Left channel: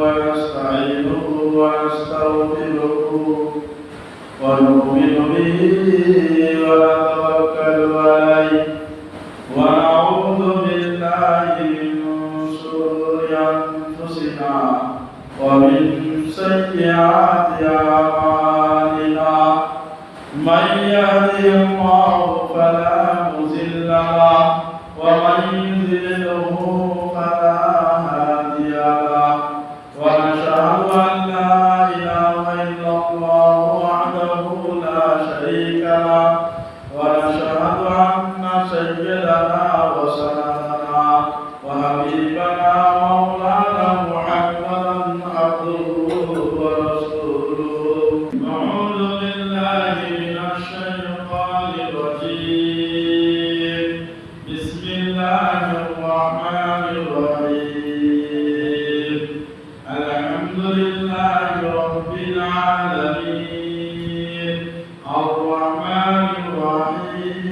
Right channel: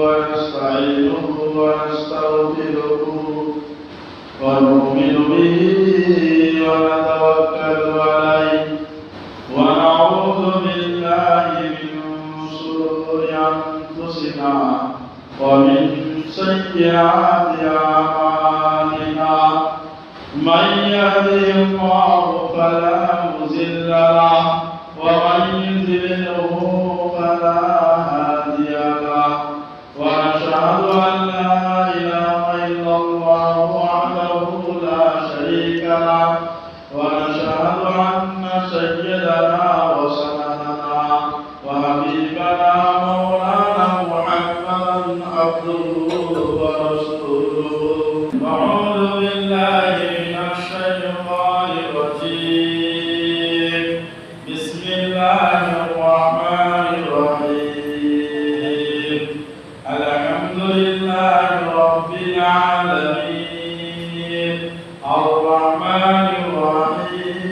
ونستعينه ونستغفره ونؤمن به ونتوكل عليه ونعوذ بالله من شرور أنفسنا ومن سيئات أعمالنا من يهده الله فلا مضل له ومن يضلله فلا هادي له ونشهد أن لا إله إلا الله وحده لا شريك له ونشهد أن سيدنا وسندنا وحبيبنا مولانا محمدا عبده ورسوله. أعوذ بالله من الشيطان الرجيم. بسم الله الرحمن الرحيم. الحمد لله رب العالمين الرحمن الرحيم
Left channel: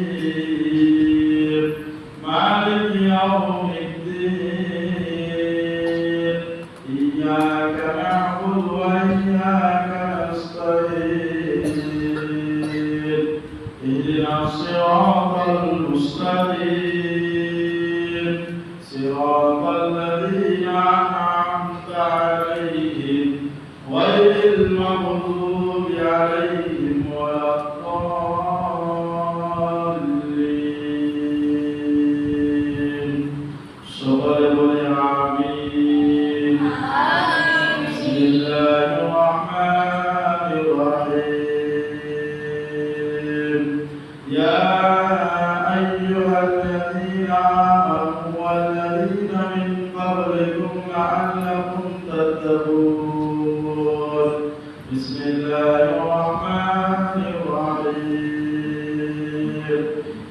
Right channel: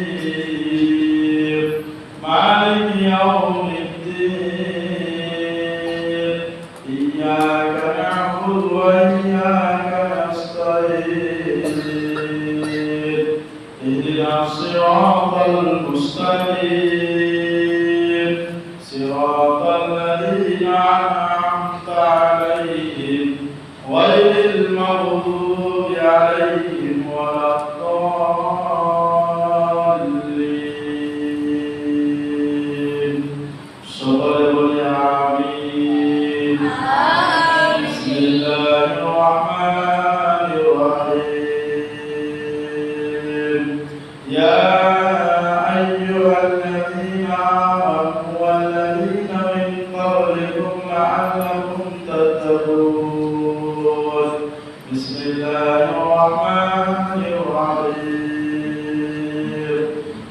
مالك يوم الدين إياك نعبد وإياك نستعين اهدنا الصراط المستقيم صراط الذين أنعمت عليهم غير المغضوب عليهم ولا الضالين. সকলে বলি আমিন। বিসমিল্লাহির রহমানির রহিম। ইয়া আইয়ুহাল্লাযীনা আমানু ওয়াল্লাযীনা মিন ক্বাবলিকুম লাআল্লাকুম তাত্তাকুন। বিসমিল্লাহির রহমানির রহিম।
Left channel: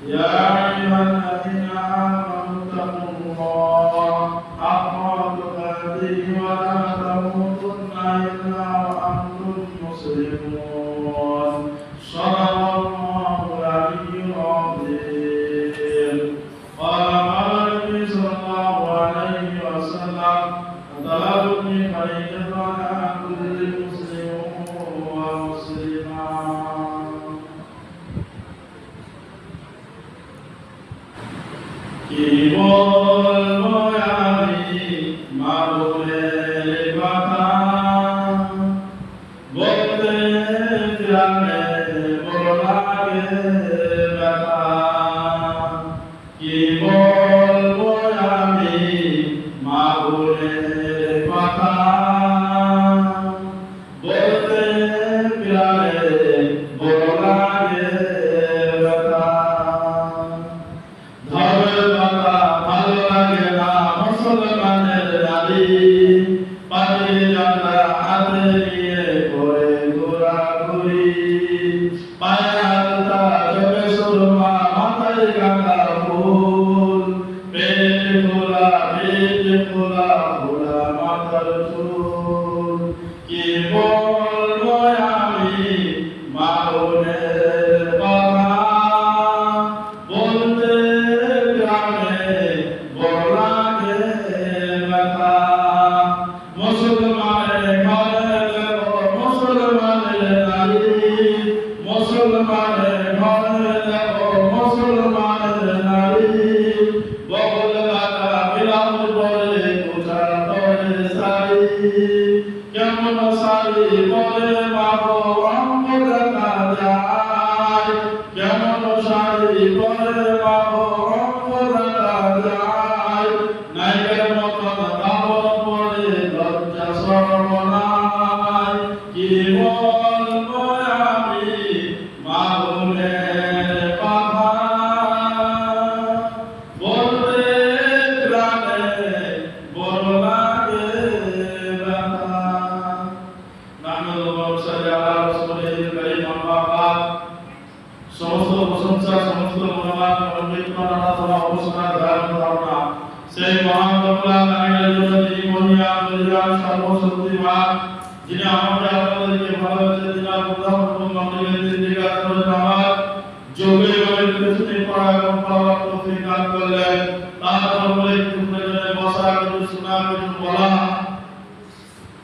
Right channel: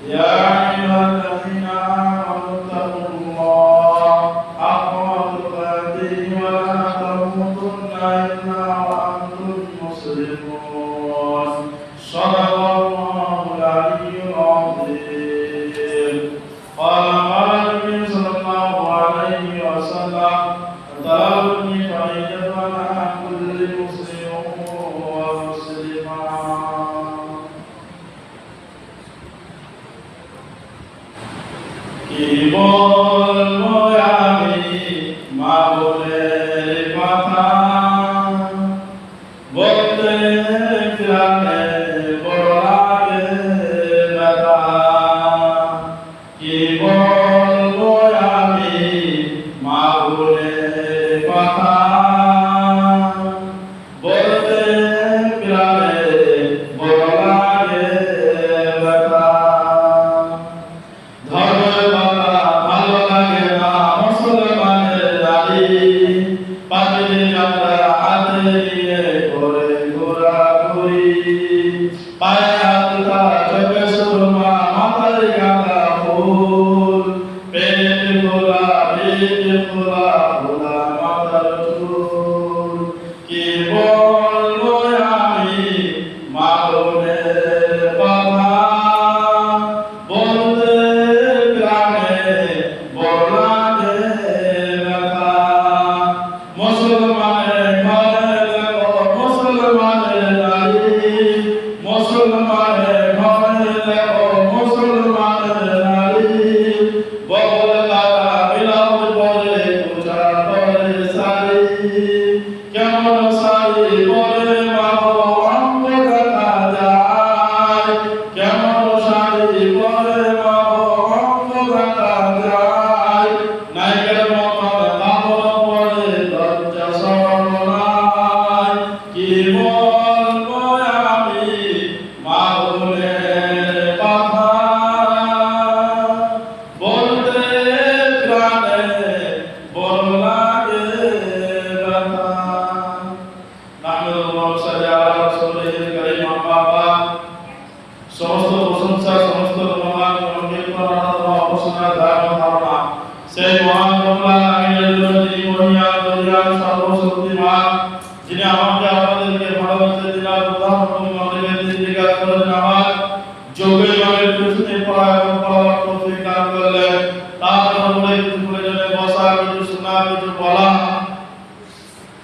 ইয়া আইয়ুহাল্লাযীনা আমানু তাকুল্লাহ হাক্কা তুকাতিহি ওয়া লা তামুতুন্না ইল্লা ওয়া আনতুম মুসলিমুন। সাদাকাল্লাহুল আলিyyুল আযীম। قال النبي صلى الله عليه وسلم طلبني فريضة على كل مسلم ومسلمة. কি বলবো আমি মা বলে কথা বলতে প্রাণে বড় লাগে ব্যথা। কি বলবো আমি মা বলে কথা বলতে প্রাণে বড় লাগে ব্যথা। ধর্মের কথা ভালো লাগে না মুসলমানের দাড়ি পাখির গাঁদা হাতে নিয়ে ঘরে ঘোরাঘুরি। পায়ে হাতটা চোখে সুরমা মাথায় গাঁদা ফুল পেট খোলা খোলা মাথার চুল। কি বলবো আমি মা বোনের কথা বলতে প্রাণে বড় লাগে ব্যথা। মুসলমানের ঘরে দেখো মুসলমানের নারী মুসলমানের ঘরে দেখো মুসলমানের নারী বগল লাগা বিলাস পরে পূজা করে শাড়ি। কেমন শাড়ি পরে বাবু অঙ্গ দেখা যায়। কেমন শাড়ি পরে বাবু অঙ্গ দেখা যায়। নায়কের মতন কাপড় পরে লজ্জা শরম নাই। কি বলবো আমি মা বোনের কথা বলতে প্রাণে বড় লাগে ব্যথা। সমস্ত প্রশংসা সমস্ত গুণগান ধারণা সেই মহান সর্বশক্তিমান যিনি আমাকে আপনাদেরকে ভালোবেসে দিলাম আমার যোগে যোগের পিছনে পড়া এবং পড়া প্রতিকার করলেন। তার একটু প্রয়োজনে বসা কিছু শোনা কিছু বলা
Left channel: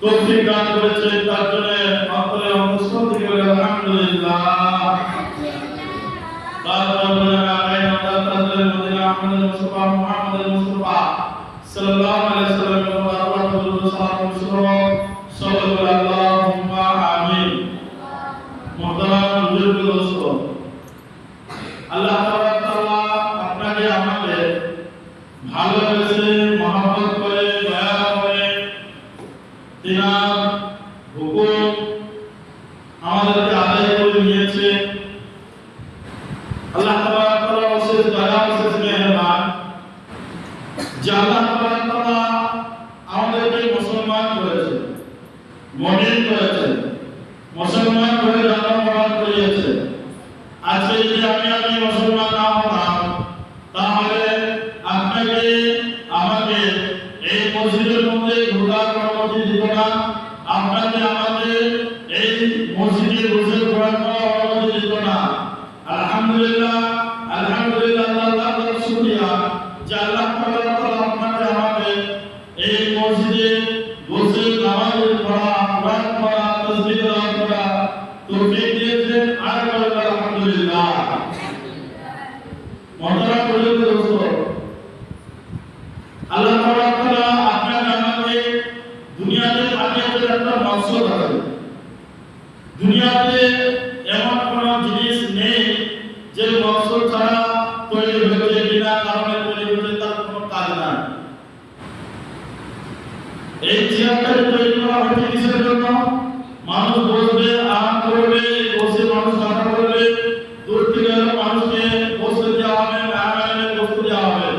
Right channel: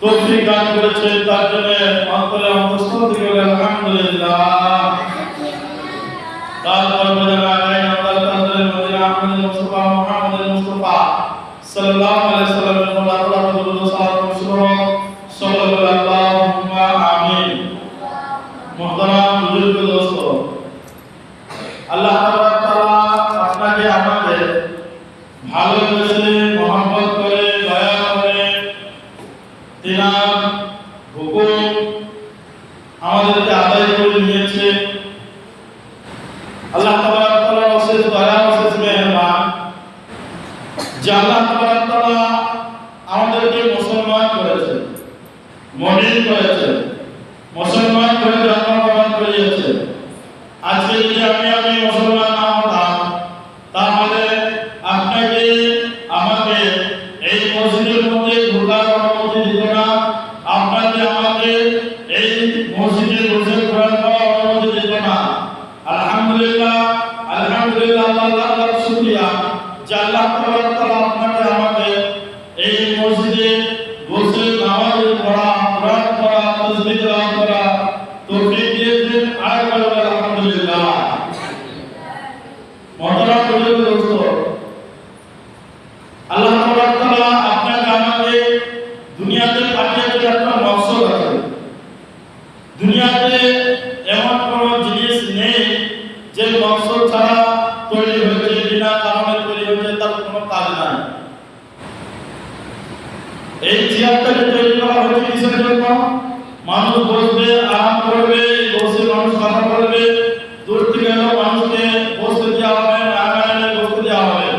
তৌফিক দান করেছেন তার জন্য অন্তরে অন্তঃস্থল থেকে আলহামদুলিল্লাহ। তারপরে আগামী আমরা তাদের মধ্যে আহমদ মুস্তাফা মুহাম্মদ মুস্তাফা সাল্লাল্লাহু আলাইহি সাল্লামের আল্লাহ দরুদ সালাম সাল্লাল্লাহু আমিন। মুহতারাম বুজুর্গ দোস্ত, আল্লাহ তাআলা আপনাকে আমাদের ভালোবেসে মহব্বত করে দয়া করে তিনার হুকুম আমাদেরকে আদায় করে নিয়েছে। আল্লাহ তাআলা অশেষ দয়া অশেষ মেহেরবান যে আল্লাহ তাআলা আমাদেরকে মুসলমান করেছে, মুমিন করেছে, মুসলমান করে জন্মগ্রহণ করিয়েছে। আজকে যদি আমি মুসলমান না হতাম তাহলে আপনাকে আমাকে এই মসজিদের মধ্যে ঢোকার অনুমতি দিত না, আপনাকে আমাকে এই মসজিদে বসে কোরআন পড়ার অনুমতি দিত না। আলহামদুলিল্লাহ, আলহামদুলিল্লাহ, আল্লাহর শুকরিয়া যে আল্লাহ তাআলা আপনাকে আমাকে এই মসজিদে বসে নামাজ পড়া, কোরআন পড়া, তাসবিহ তেলাওয়াত করা তৌফিক দিয়েছেন। আলহামদুলিল্লাহ। মুহতারাম বুজুর্গ দোস্ত, আল্লাহ তাআলা আপনাকে আমাকে দুনিয়াতে পাঠিয়েছেন একটা মকসদ আছে। দুনিয়াতে এমন কোন জিনিস নেই যে মকসদ ছাড়া তৈরি হয়েছে, বিনা কারণে তৈরি হয়েছে, তার কোনো কাজ নাই। এই চেয়ারটাকে তৈরি করা হয়েছে কিসের জন্য? মানুষ বসবে, আরাম করবে, বসে মানুষ কথা বলবে, দূর থেকে এলো মানুষকে বসতে দেওয়া হবে, আরামে বসতে দেওয়া হবে।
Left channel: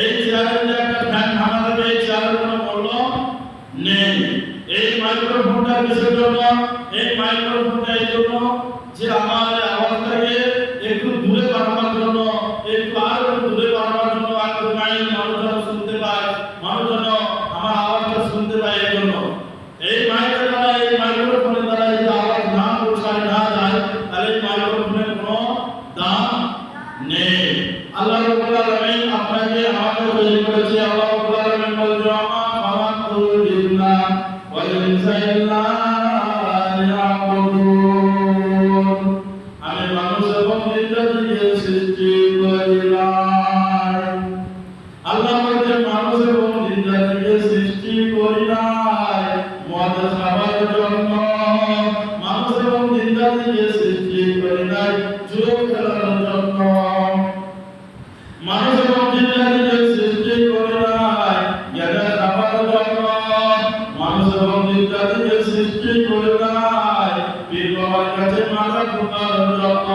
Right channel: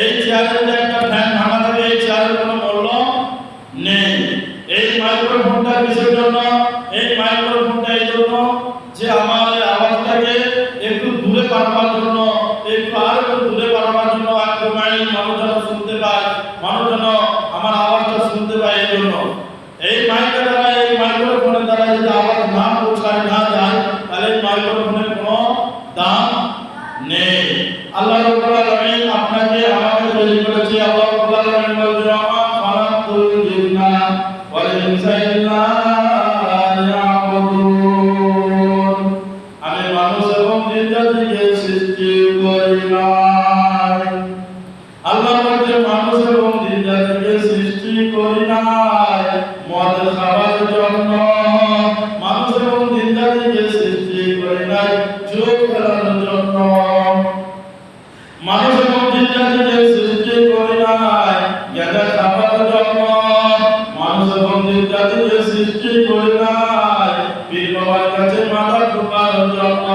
এই চেয়ারে যে একটা ফ্যান ভাঙা থাকে, এই চেয়ারের কোনো মূল্য নেই। এই মাইক্রোফোনটা কিসের জন্য? এই মাইক্রোফোনটা এই জন্য যে আমার আওয়াজটাকে একটু দূরে পাঠাবার জন্য, একটু আর একটু দূরে পাঠাবার জন্য, একটু মাইল মানুষ যেন শুনতে পায়, মানুষ যেন আমার আওয়াজটা শুনতে পায়। এই জন্য এই মাইকের দ্বারা, এই মাইক্রোফোনের দ্বারা যদি আওয়াজ না পৌঁছায় না যায় তাহলে এই মাইক্রোফোনের কোনো দাম নেই। আল্লাহ রাব্বুল আলামিন আপনাকে আমাকে তৈরি করেছে। আল্লাহ রাব্বুল আলামিন বলেছে, আমা খালাকুল জিন্না ওয়াল ইনসা ইল্লা লিয়াবুদুন, আমি মানুষ এবং জিন্নাতকে সৃষ্টি করিলাম। আল্লাহ বলেছে মানুষ এবং জিন্নাতকে সৃষ্টি করিলাম মদ খাবার জন্য, মানুষ এবং জিন্নাতকে সৃষ্টি করিলাম জুয়া খেলার জন্য, মানুষ এবং জিন্নাতকে সৃষ্টি করিলাম গাঁজা খাবার জন্য, মানুষ এবং জিন্নাতকে সৃষ্টি করিলাম পীর বাবার কাছে মাথা ঠোকার জন্য,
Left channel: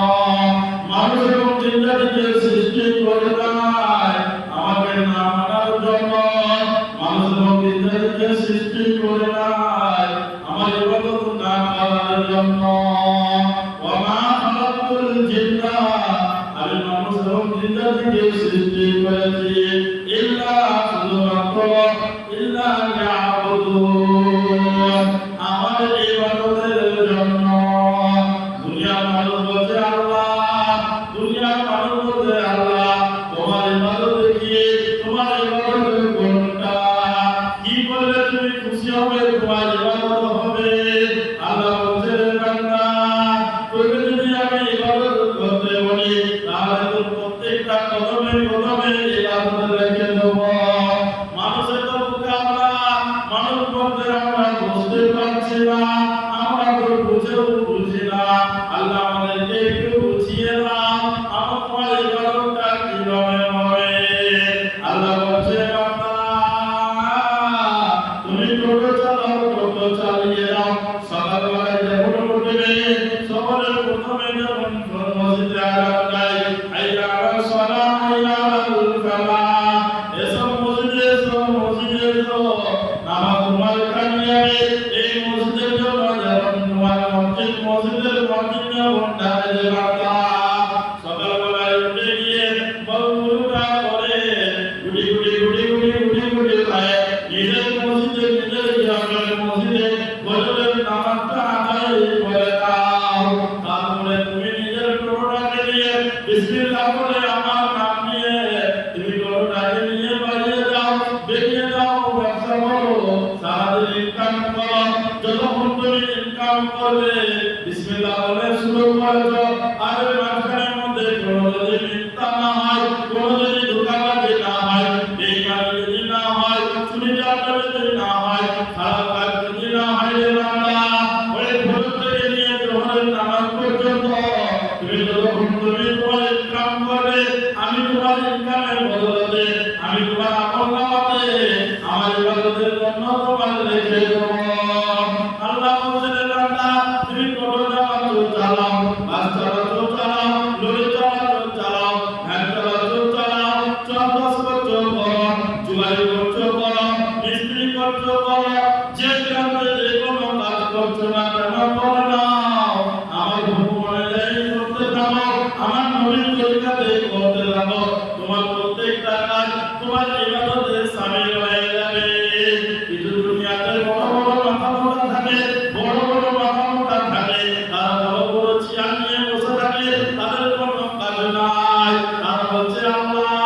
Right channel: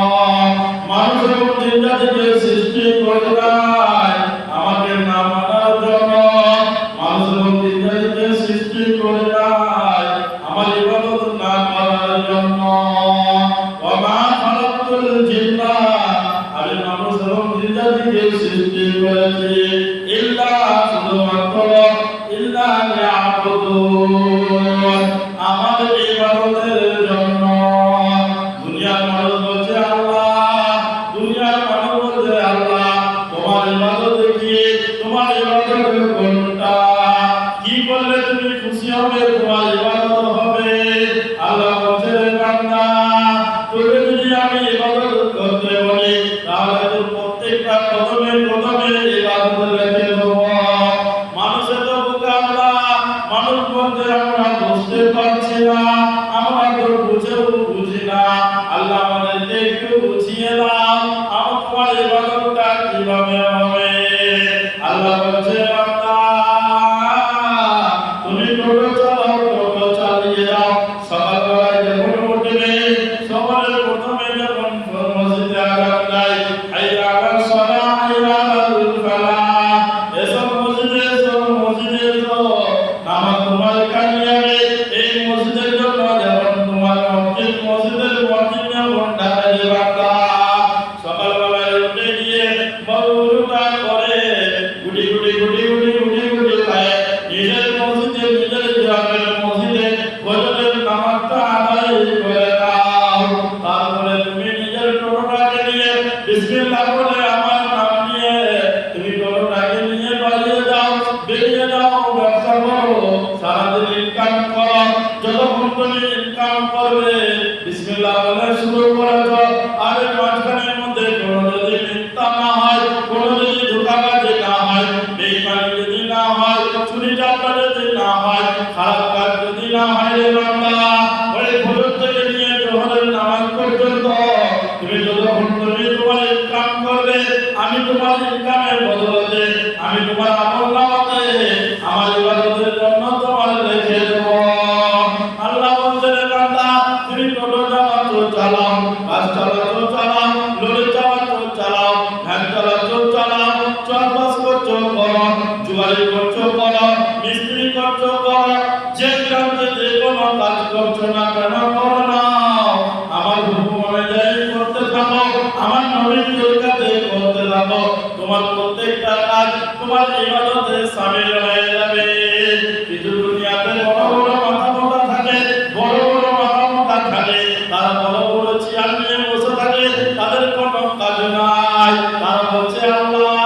মানুষ এবং জিন্নাতকে সৃষ্টি করিলাম আমাকে না মানার জন্য, মানুষ এবং জিন্নাতকে সৃষ্টি করিলাম আমার ইবাদত না করার জন্য। ওয়া মা খালাকুল জিন্না, আমি মানুষ এবং জিন্নাতকে সৃষ্টি করেছি ইল্লা, শুধুমাত্র ইল্লা লিয়াবুদুন, আমার ইবাদতের জন্য। দুনিয়ার মানুষ বলছে আল্লাহ, দুনিয়ার মানুষ বলছে আল্লাহ তোমার ইবাদত কি, তোমার ইবাদত কোনটা, কি করলে তুমি খুশি হবে, তোমার ইবাদত হবে। আল্লাহ বলছে বান্দা, তুমি যদি আমি ইবাদত করতে বলি তাহলে তোর প্রত্যেকটা কদমে কদমে ইবাদত রেখে দেব। মানুষের তো বুকে আল্লাহ, মানুষ বলতে আমরা বুঝতে পারছি না, আমরা তো বুঝেও বুঝি না। আল্লাহ আমাদেরকে একটু বুঝিয়ে দাও, আমার তোমার ইবাদতটা কিভাবে হবে। আল্লাহ বলছে বান্দা, তুমি টোটো চালাও, টোটো চালিয়ে দাও। সকালবেলায় যখন উঠবে, সকালে প্রথমে যখন মসজিদে আজান দেয়, হাইয়া আলাস সালাহ, হাইয়া আলাল ফালাহ, এসব মসজিদে এসো, মসজিদে এসো, নামাজ তোমার কামিয়াবে। এই মসজিদের জন্য যেমন তোমার মসজিদের মসজিদের মসজিদে ঘন্টা বান্দা সকালবেলায় উঠে যদি না হয়, খারাপ কাজ যদি না হয় রে বান্দা, ওই ফজর থেকে নিয়ে জোহরের নামাজ পর্যন্ত তুমি যতক্ষণ তুমি তোমার ইনকাম করবে, আমি তোমার ইনকামের বদলে আমি তোমার আমলনামাতে আমার ইবাদতের জন্য তোমার লিখে দেব। আল্লাহ বলেন বান্দা তুমি টোটো চালাচ্ছো চালাও, বাস চালাচ্ছো চালাও, লরি চালাচ্ছো চালাও, ভ্যান চালাচ্ছো চালাও, চাষবাস করছো করো, জুয়ারি করছো করো, মিস্ত্রি করছো করো, যে গ্রামে যে কোনো কাজ করছো না কেন করো না, আমার হুকুম অনুযায়ী করতে থাকো, আমার নবীর তরিকাতে করতে থাকো, তোমার প্রত্যেকটা কাজ তোমার ইবাদতে শামিল হয়ে যাবে। কিছু দুনিয়াতে বড় বড় মাথা মোটা থাকে, বড় বড় মাথা মোটা থাকে, তারা বড় বড় চেয়ার নিয়ে বসে থাকে, তাদের কোনো কাজ নাই। তারা বলছে আল্লাহ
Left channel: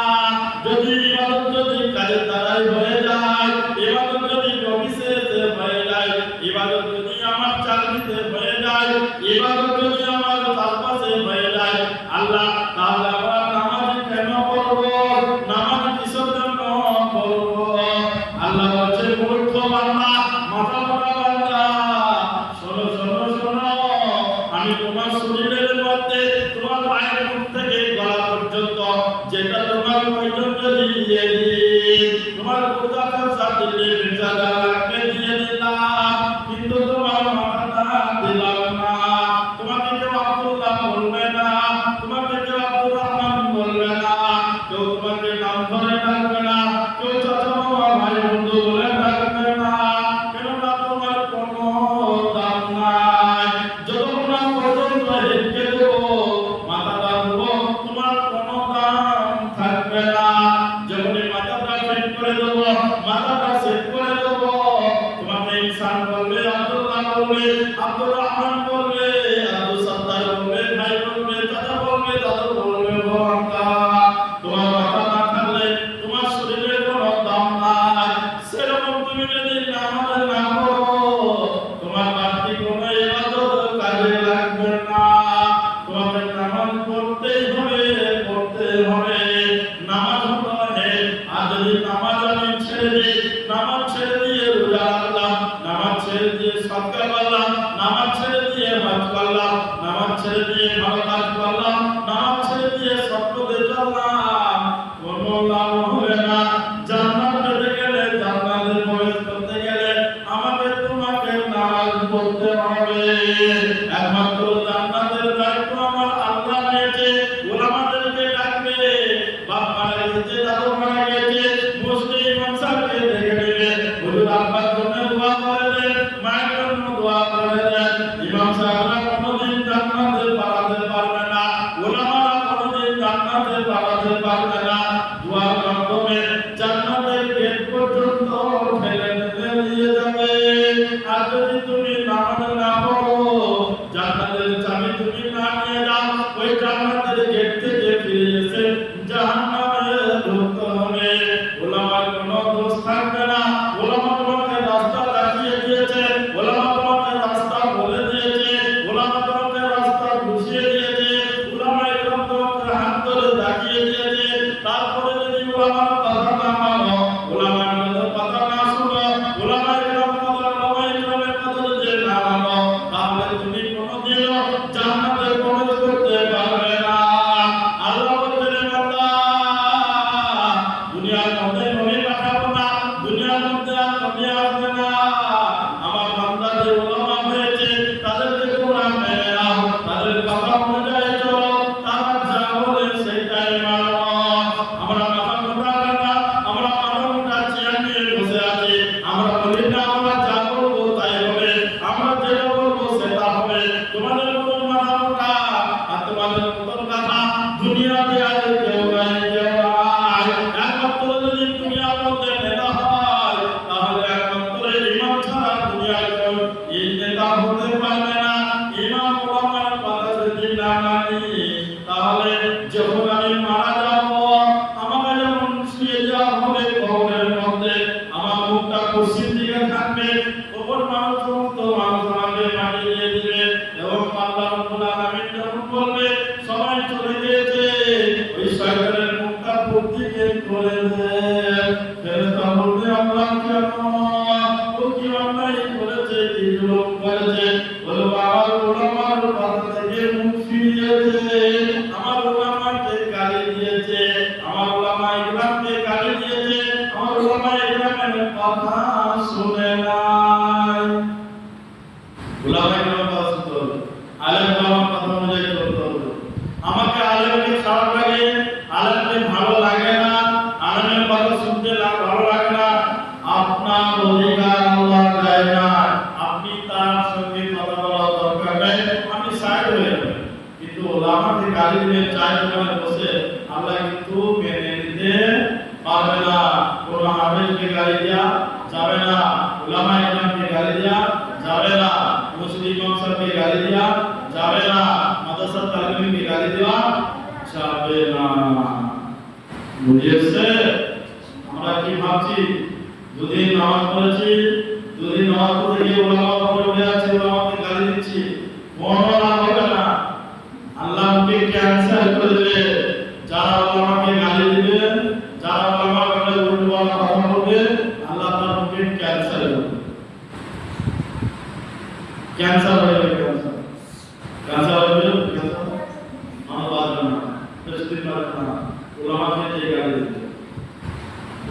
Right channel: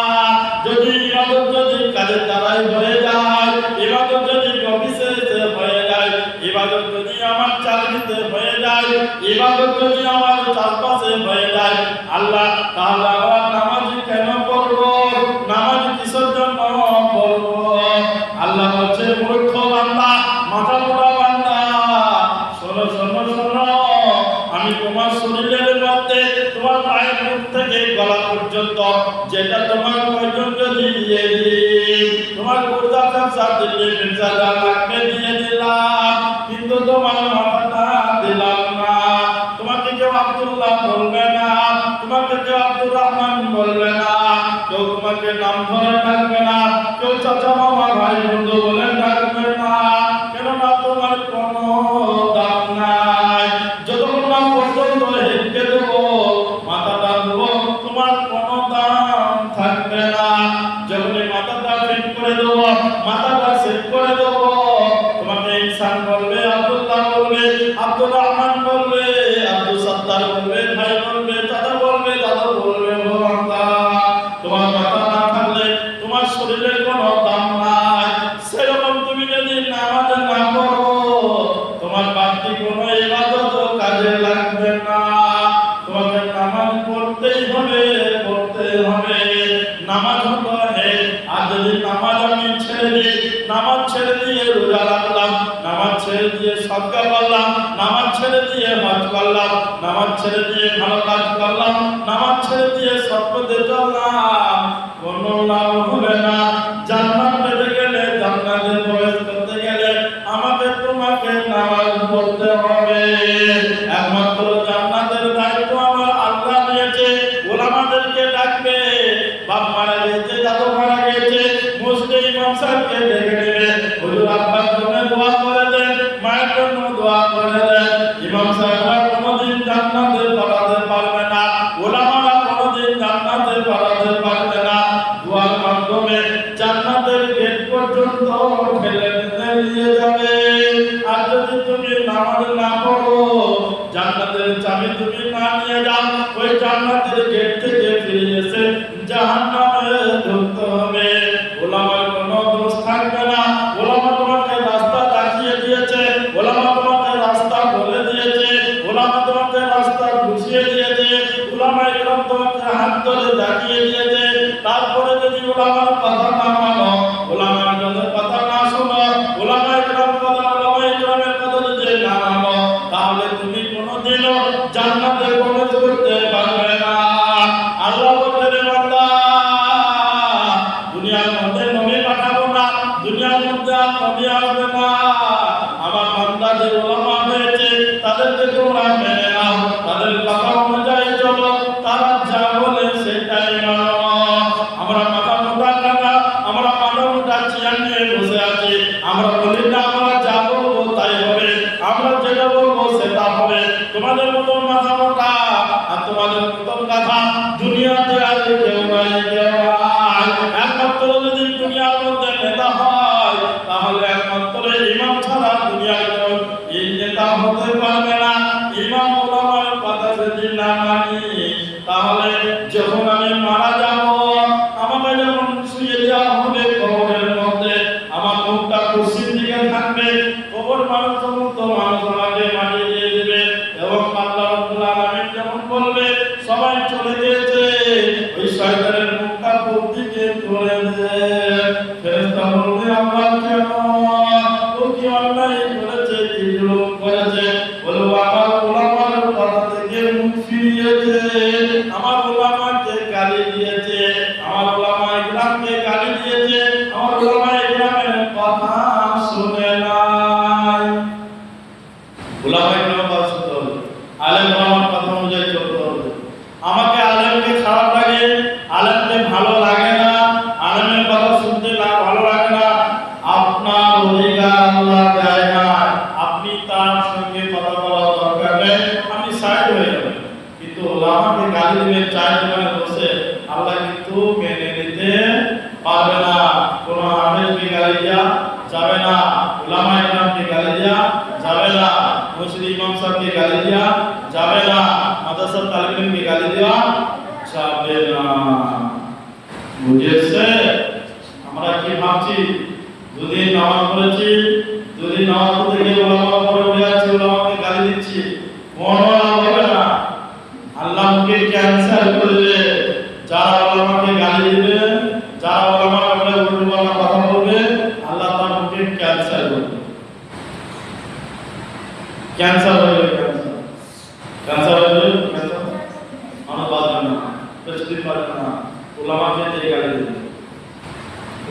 যদি ইবাদত যদি কাজের দ্বারাই হয়ে যায়, ইবাদত যদি অফিসে হয়ে যায়, ইবাদত যদি আমার চাকরিতে হয়ে যায়, ইবাদত যদি আমার চাষবাসে হয়ে যায়, আল্লাহ তাহলে আমরা নামাজ কেন পড়বো, নামাজ কিসের জন্য পড়বো? আল্লাহ বলছে মূর্খ বান্দা, মাথা মোটা বান্দা, শোনো শোনো শোনো, আমি তোমার শরীরের মধ্যে তোমার পায়ের মুখ থেকে গলা পর্যন্ত যেটা তোমার প্রয়োজন যদি দিয়ে দিই, তোমার গুর্দা ব্যবসা দিলে ব্যবসা যা লাগবে দিয়ে দিলাম, কিন্তু তোমার মাথাটা দিলাম না। তোমাকে কেউ আব্দুল্লাহ বলবে না, তোমাকে কেউ আব্দুর রহমান বলবে না, কেউ তোমাকে নাম ধরে ডাকবে না, কেউ চাচা মামা ভাই বন্ধু বলে ডাকবে না, কেননা তোমার কোনো দাম নাই। যতক্ষণ না পর্যন্ত হেঁটে দেবো, মাথাটা দেবো, তোমার কোনো দাম থাকবে না। যখনই মাথাটা ফিট করে দেবো, মাথাটা সেট করে দেবো, তোমাকে ইনসান বলবে, আব্দুল্লাহ বলবে, আব্দুর রহমান বলবে, আব্দুল সত্তার বলবে, ভাই বলবে, চাচা বলবে, দাদা বলবে, বাবা। তোমার মাথা না থাকলে তোমার শরীরের কোনো দাম নাই। সেরকম তুমি যদি নামাজ না পড়ো, তোমার বাড়তি কোনো ইবাদত কাজে লাগবে না। তোমাকে নামাজ পড়তেই হবে, পড়তে হবে। নামাজ হলো আর যদি নামাজ আমি ছেড়ে দিই, নামাজ ছেড়ে দিয়ে রোজা রাখলাম, নামাজ ছেড়ে দিয়ে সদকা করলাম, নামাজ ছেড়ে দিয়ে হজ করলাম, নামাজ ছেড়ে দিয়ে ভালো কাজ করলাম, নামাজ ছেড়ে দিয়ে সৎপথে চললাম, কোনো লাভ হবে না। জান্নাত পেতে গেলে, জান্নাতে প্রবেশ করতে গেলে আমাকে তোমাকে নামাজ পড়তে হবে। একমাত্র জান্নাতের দায়িত্ব আমার আল্লাহ নিয়েছে, ওলামাদেরকে ডাকবে, বাপ মারা গেছে, দাদু মারা গেছে, মুসলিম ইমাম সাহেবকে ডেকে নেবে, হুজুর আপনার জন্য দোয়া করে দেন, মায়ের জন্য দোয়া করে দেন। ইমাম সাহেবরা কোনোদিন জান্নাতে পাঠাতে পারবে না, ওলামারা কোনোদিন জান্নাতে পাঠাতে পারবে না। দোয়ার মাধ্যমে জান্নাতের গেট পর্যন্ত ফেলে নিয়ে যাবে। আর যদি তুমি নামাজ না পড়ো, জান্নাতের চাবি তুমি না নিয়ে যাও, ওই জান্নাতের গেট থেকে ফিরে এসে জাহান্নামে ঢুকতে হবে। ওলামার কোনো দোষ থাকবে না, ওলামা তোমাকে রাস্তা দেখিয়ে দিয়েছে, ওলামা তোমাকে রাস্তা বলে দিয়েছে, ওলামা তোমাকে রাস্তা বুঝিয়ে দিয়েছে, ওলামা একরকম তোমাকে হাত ধরে দেখিয়ে দিয়েছে। তারপরে যদি ওলামার কথা না মানো, ওলামার কথা না শোনো, ওলামা একরকম কথা, ওলামা একরকমের কথা যদি না মানো, তাহলে তুমি কোনোদিনও জান্নাতে প্রবেশ করতে পারবে না। আল্লাহ বলেন বান্দা দুনিয়ার মধ্যে নবী পাঠাবো না, দুনিয়ার মধ্যে আর নবী আসবে না। আমার বান্দা যে ওলামা হয়েছে তাদেরকে তোমরা মেনে নাও, তাদের কথা অনুযায়ী চলো, তারা যা বলে সেটাই মানো। আমরা মাথা মোটা কাটা, আমরা মাথা মোটা চেয়ার নিয়ে বসে আছি, আমরা বলি না আমরা যা বলবো তাই হবে, আমরা যেটা বলবো সেটা হবে। তোমাদের মতন মাথা মোটা আর তোমাদের মতন কথা দুনিয়াতে আগে কেউ নাই, কেউ নাই। একমাত্র যদি দুনিয়ার মধ্যে নেতা হয়, তাহলে একমাত্র ইমাম ছাড়া দুনিয়ার কেউ এই নেতা হতে পারবে না। ইমাম ওলামার কথা যদি না মানি, তাহলে যখন আমি মারা যাব, আমাকে যখন শুয়ে দেওয়া হবে কবরের মধ্যে, আমার মুখটা পশ্চিম দিকে থাকবে, কবর মানুষ সমস্ত মানুষ আমাকে মাটিয়ে দিয়ে দেবে, এবং আল্লাহ রাব্বুল আলামিন যখন বলবে সবাই চলে গিয়েছে, ওই শয়তানের মুখটা পূর্ব দিকে করে দেবে। ফেরেশতা বলবে আল্লাহ কেন যাবে না। বুঝেছে? আমরা কি ভাবছি, দুদিন নামাজ পড়েছি, দুদিন নামাজ পড়তে গিয়ে ওলামা পড়ে উঠে যাচ্ছে, ওলামাকে গালি দিচ্ছি, কোনো লাভ হবে না। আল্লাহকে ক্যান্সেল করে দেবে। যারা ওলামাকে গালি দিবে, যারা ওলামার ব্যাপারে উল্টোপাল্টা কথা বলবে, আল্লাহ তার মুখে ক্যান্সেল করবে। ক্যান্সার হয়ে যাবে, ক্যান্সার হয়ে যাবে, মানুষ বাঁচবে না, বেশি পারবে না। ওলামাকে দিয়ে গালি দেবে,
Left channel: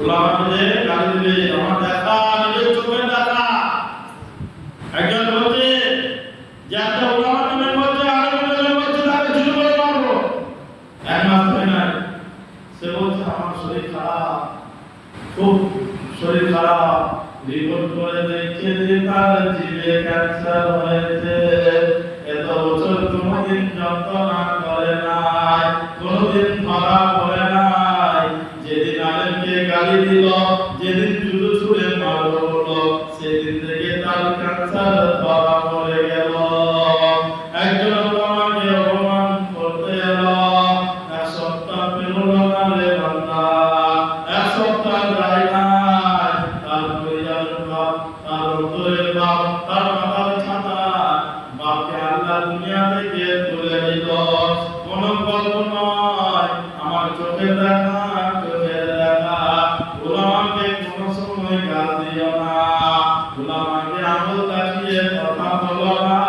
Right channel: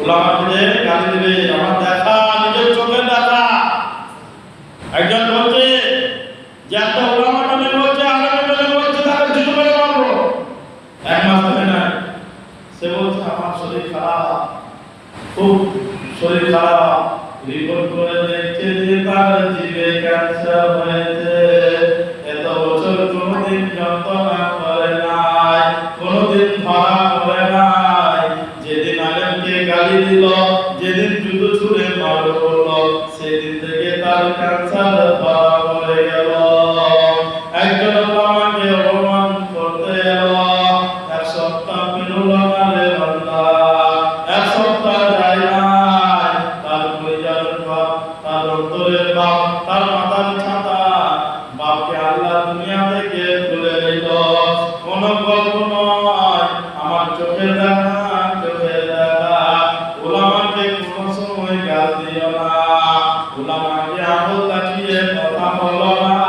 ওলামাকে দিয়ে গালি দেবে। আমার দেখা, নিজের চোখে দেখা। একজন বলছে যে একটা ওলামাকে মেয়ে বলছে, আগামী মেয়ে বলছে, তাকে জুতো করে মারবো। এক মাস ধরে নাই, সে বলছে আমার শরীর খারাপ, খুব শরীর খারাপ। রিপোর্ট করে দেখছে যে তার জিভে ক্যান্সার হয়েছে। এত বছর কোনোদিন যন্ত্রণা করে নাই, কোনোদিন ধরা পড়ে নাই। যেদিন আলেমকে গালি দিল, যেদিন জুতো ছুঁড়ে মারলো বললো, সেদিন থেকে তার ক্যান্সার ধরা পড়ে গেল। একজন ওলামাকে অপমান করতে এলো, এক সপ্তাহ পেরোল না রে বান্দা, এক সপ্তাহ যায় নাই। তার পরিবারের বাপ, তার অন্তরের বাপ, তার মাতার ছাতা, বাপকে আল্লাহ দুনিয়া থেকে তুলে দিল। কোনো গল্প নয়, আমার চোখে দেখা, চোখে দেখা। ওলামাকে কোনো সময় গাল দিও না, ওলামাকে আঙুল দেখিয়ে কথা বলো না,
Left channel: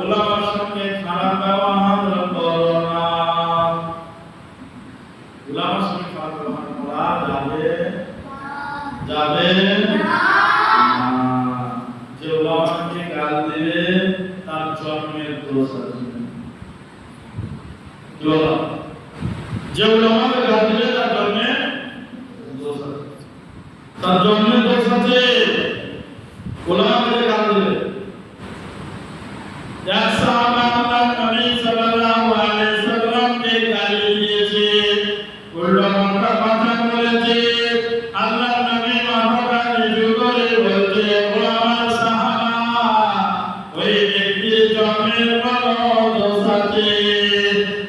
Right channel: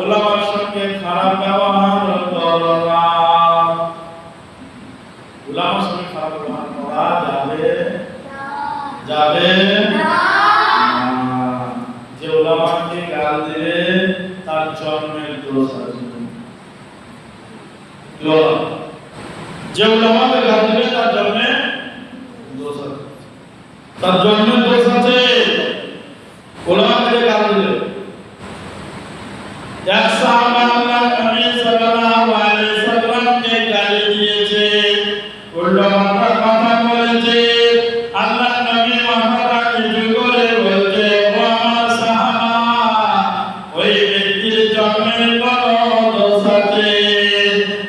ওলামার সঙ্গে খারাপ ব্যবহার করো না। ওলামার সঙ্গে খারাপ ব্যবহার করা যাবে যাবে না। যে ওলামাকে গাল দিবে তার জন্মের দোষ আছে। যে ওলামাকে গাল দিবে তার জন্মের দোষ আছে, তার জন্মের দোষ আছে। ওলামাকে গাল দিবে। এক সাহাবা আল্লাহর নবী সাল্লাল্লাহু আলাইহি সাল্লামকে গালি দিয়েছে, উল্টোপাল্টা কথা বলেছে। আল্লাহর নবী মাথাটা নিচু করে বলছে, ও আমার সাহাবা, ওই ব্যক্তির জন্মের কোনো দোষ আছে।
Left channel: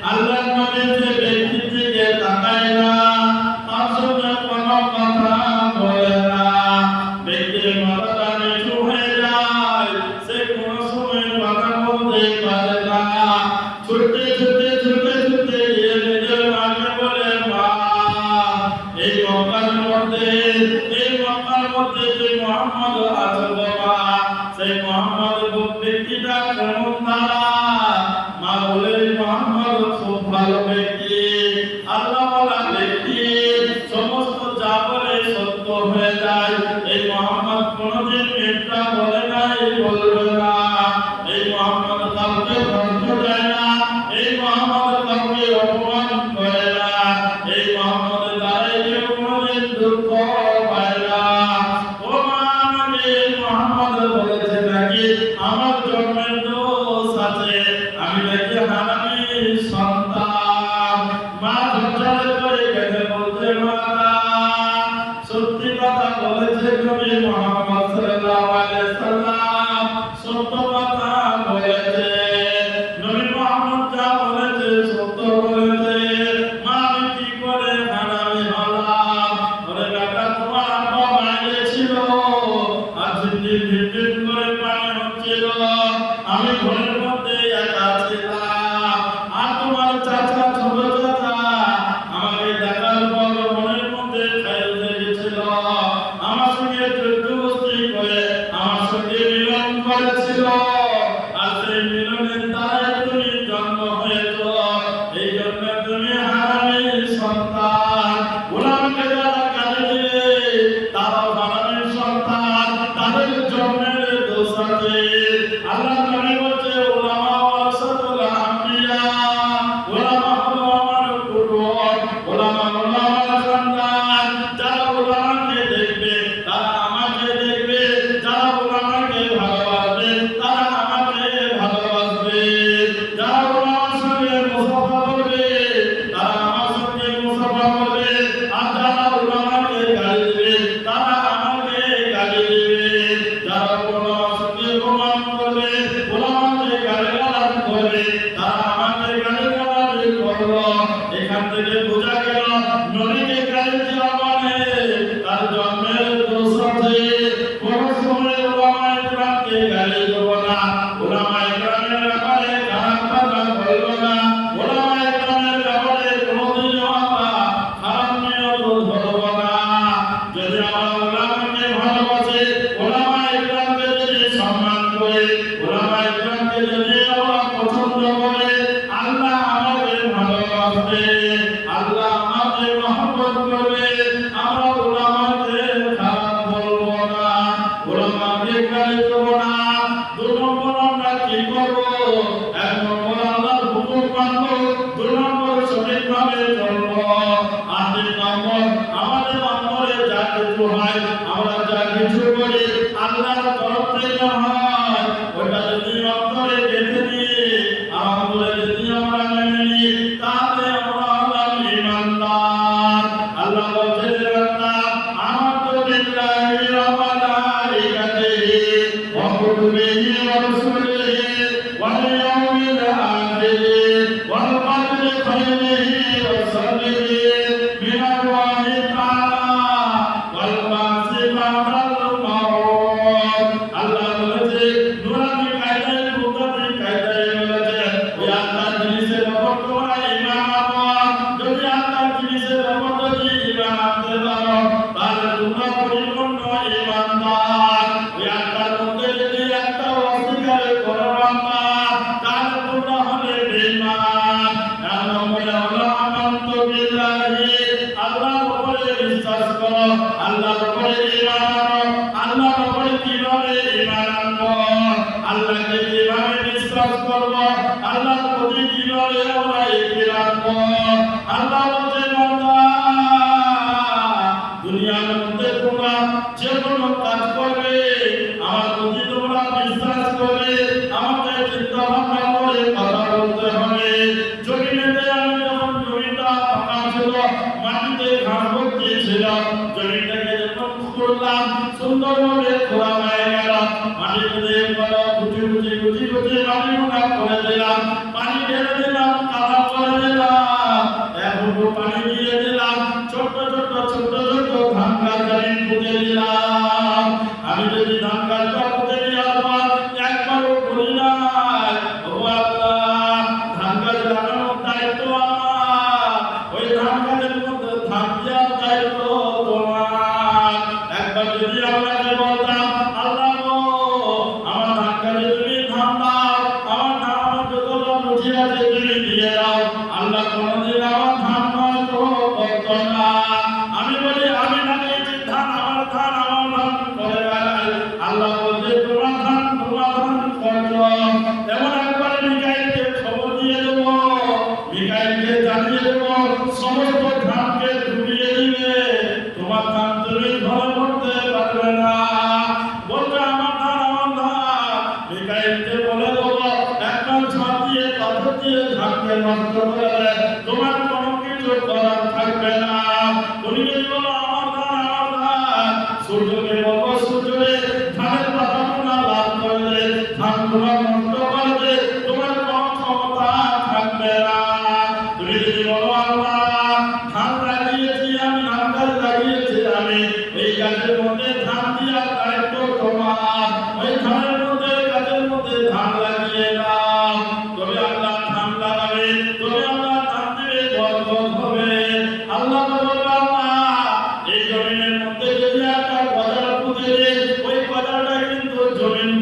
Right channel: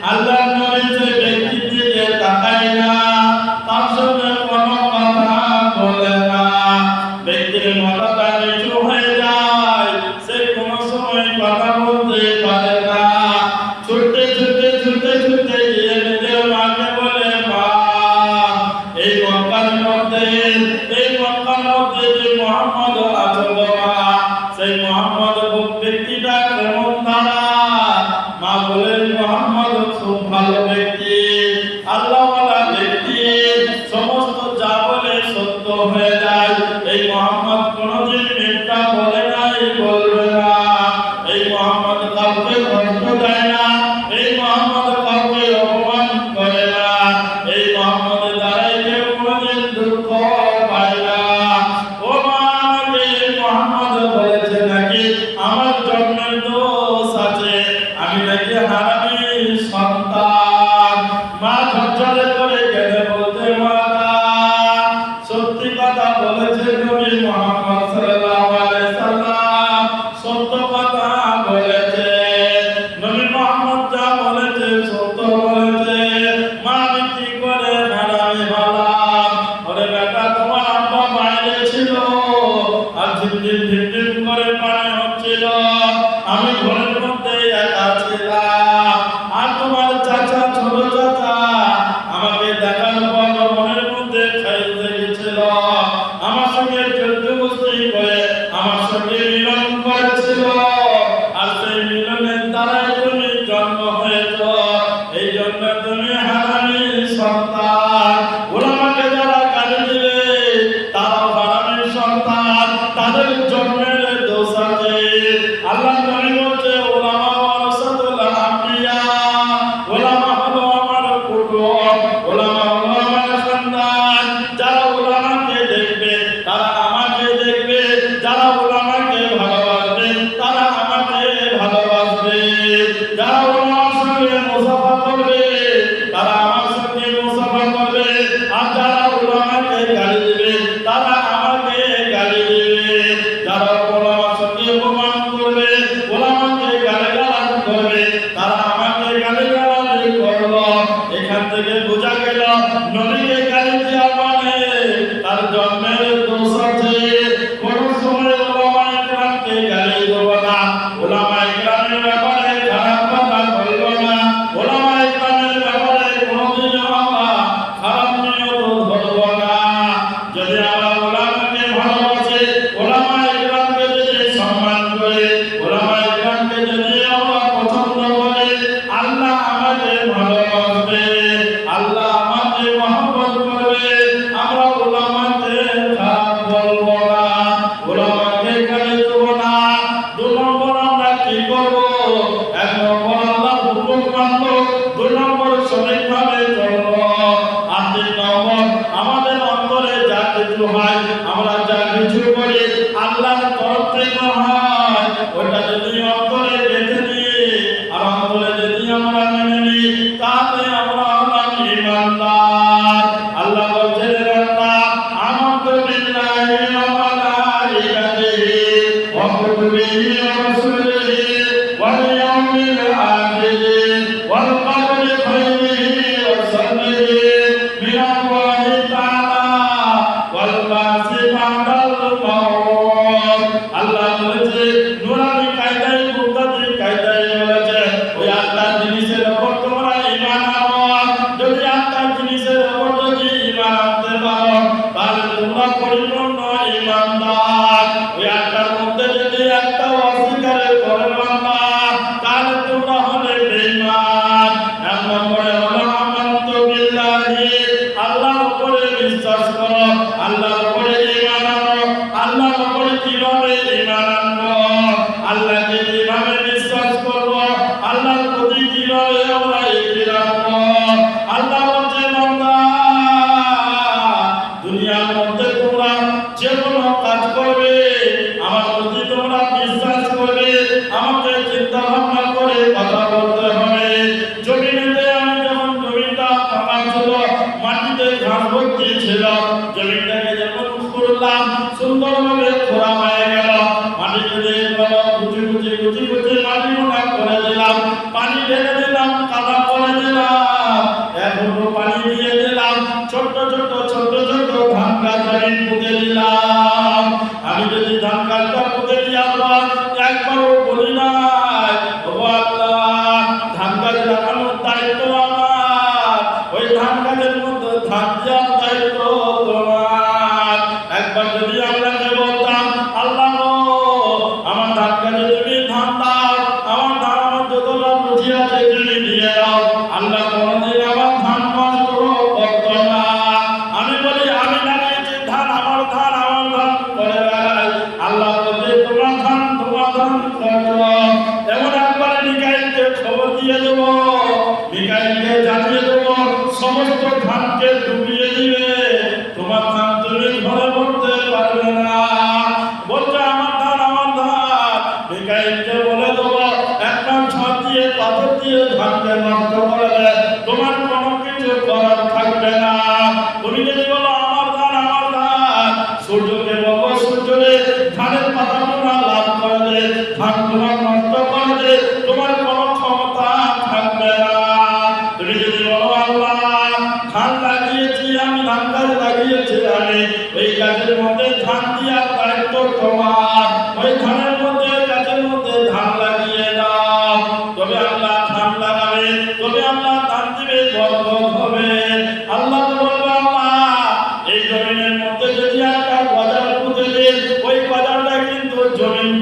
আল্লাহর নবী যে ব্যক্তির দিকে তাকায় না, তার সঙ্গে কোনো কথা বলে না, ব্যক্তির মাথাটা নিচু হয়ে যায়, সে কোনো সময় কথা বলতে পারে না। ছুটতে ছুটতে ছুটতে ছুটতে গিয়ে নিজের মাকে বলে, মা, এই মক্কার মধ্যে যে মুহাম্মদ আছে গো মা, সেই মুহাম্মদ ব্যক্তিটা কেমন তারা? মা বলে, মুহাম্মদ খুব ভালো ব্যক্তি, আল্লাহওয়ালা ব্যক্তি, সমস্ত যা বলে সত্য হয়ে যায়। এই মুহাম্মদ কোনোদিন মিথ্যা বলে নাই, বলবে না। এই মুহাম্মদ কাউকে কষ্ট দেয় না, এই মুহাম্মদ কাউকে অপমান করে না, এই মুহাম্মদ দ্বারাই কেউ কোনোদিন দুঃখ পায় না। ও মা, আমাকে এই মুহাম্মদ বলেছে নাকি আমার জন্মের দোষ আছে, আমি নাকি হারামি সন্তান। মা ঝরঝরে করে কেঁদে বলতে, মাতা সত্যি কথা বলেছে নবী মুহাম্মদ সাল্লাল্লাহু আলাইহি সাল্লাম, সত্য কথা বলেছে। নবী মুহাম্মদ যা বলেছে সত্য বলেছে। মা, আমি কি করে হারামি হলাম? ওরে বেটা, তোমার আব্বা বাইরে ছিল, আর ঝিমঝিম ঝিমঝিম করে পানি হচ্ছিল, আমি ঘরের মধ্যে একা ছিলাম, আর তোমার চাচা, ছোট চাচা আমাকে দেখার পর মনের মধ্যে খাইতে গেছিল, আমার সঙ্গে জোরজবস্তি করে আমার সঙ্গে মিলন করেছিল, আর সেই মিলনের দ্বারাই তুমি জন্ম হয়েছ। এই জন্য তুমি হারামি সন্তান। ওলামাকে যারা গালি দিবে তারাও হারামি সন্তান, তাদের জন্মের দোষ আছে। আল্লাহ নবী বলছে, ওলামা ওয়ারাসাতুল আম্বিয়া, ওলামা হলো আমার কুটুম, ওলামা হলো আমার খানদান। যারা ওলামাকে দেখবে তারা আমাকে দেখবে, যারা ওলামাকে ভালোবাসবে তারা আমাকে ভালোবাসবে, যারা ওলামার সঙ্গে মুসাফা করবে তারা আমার সঙ্গে মুসাফা করবে, আর যারা ওলামাকে গালি দিবে তারা আমাকে গালি দিবে। যারা ওলামার সঙ্গে অপমান করবে, ওলামা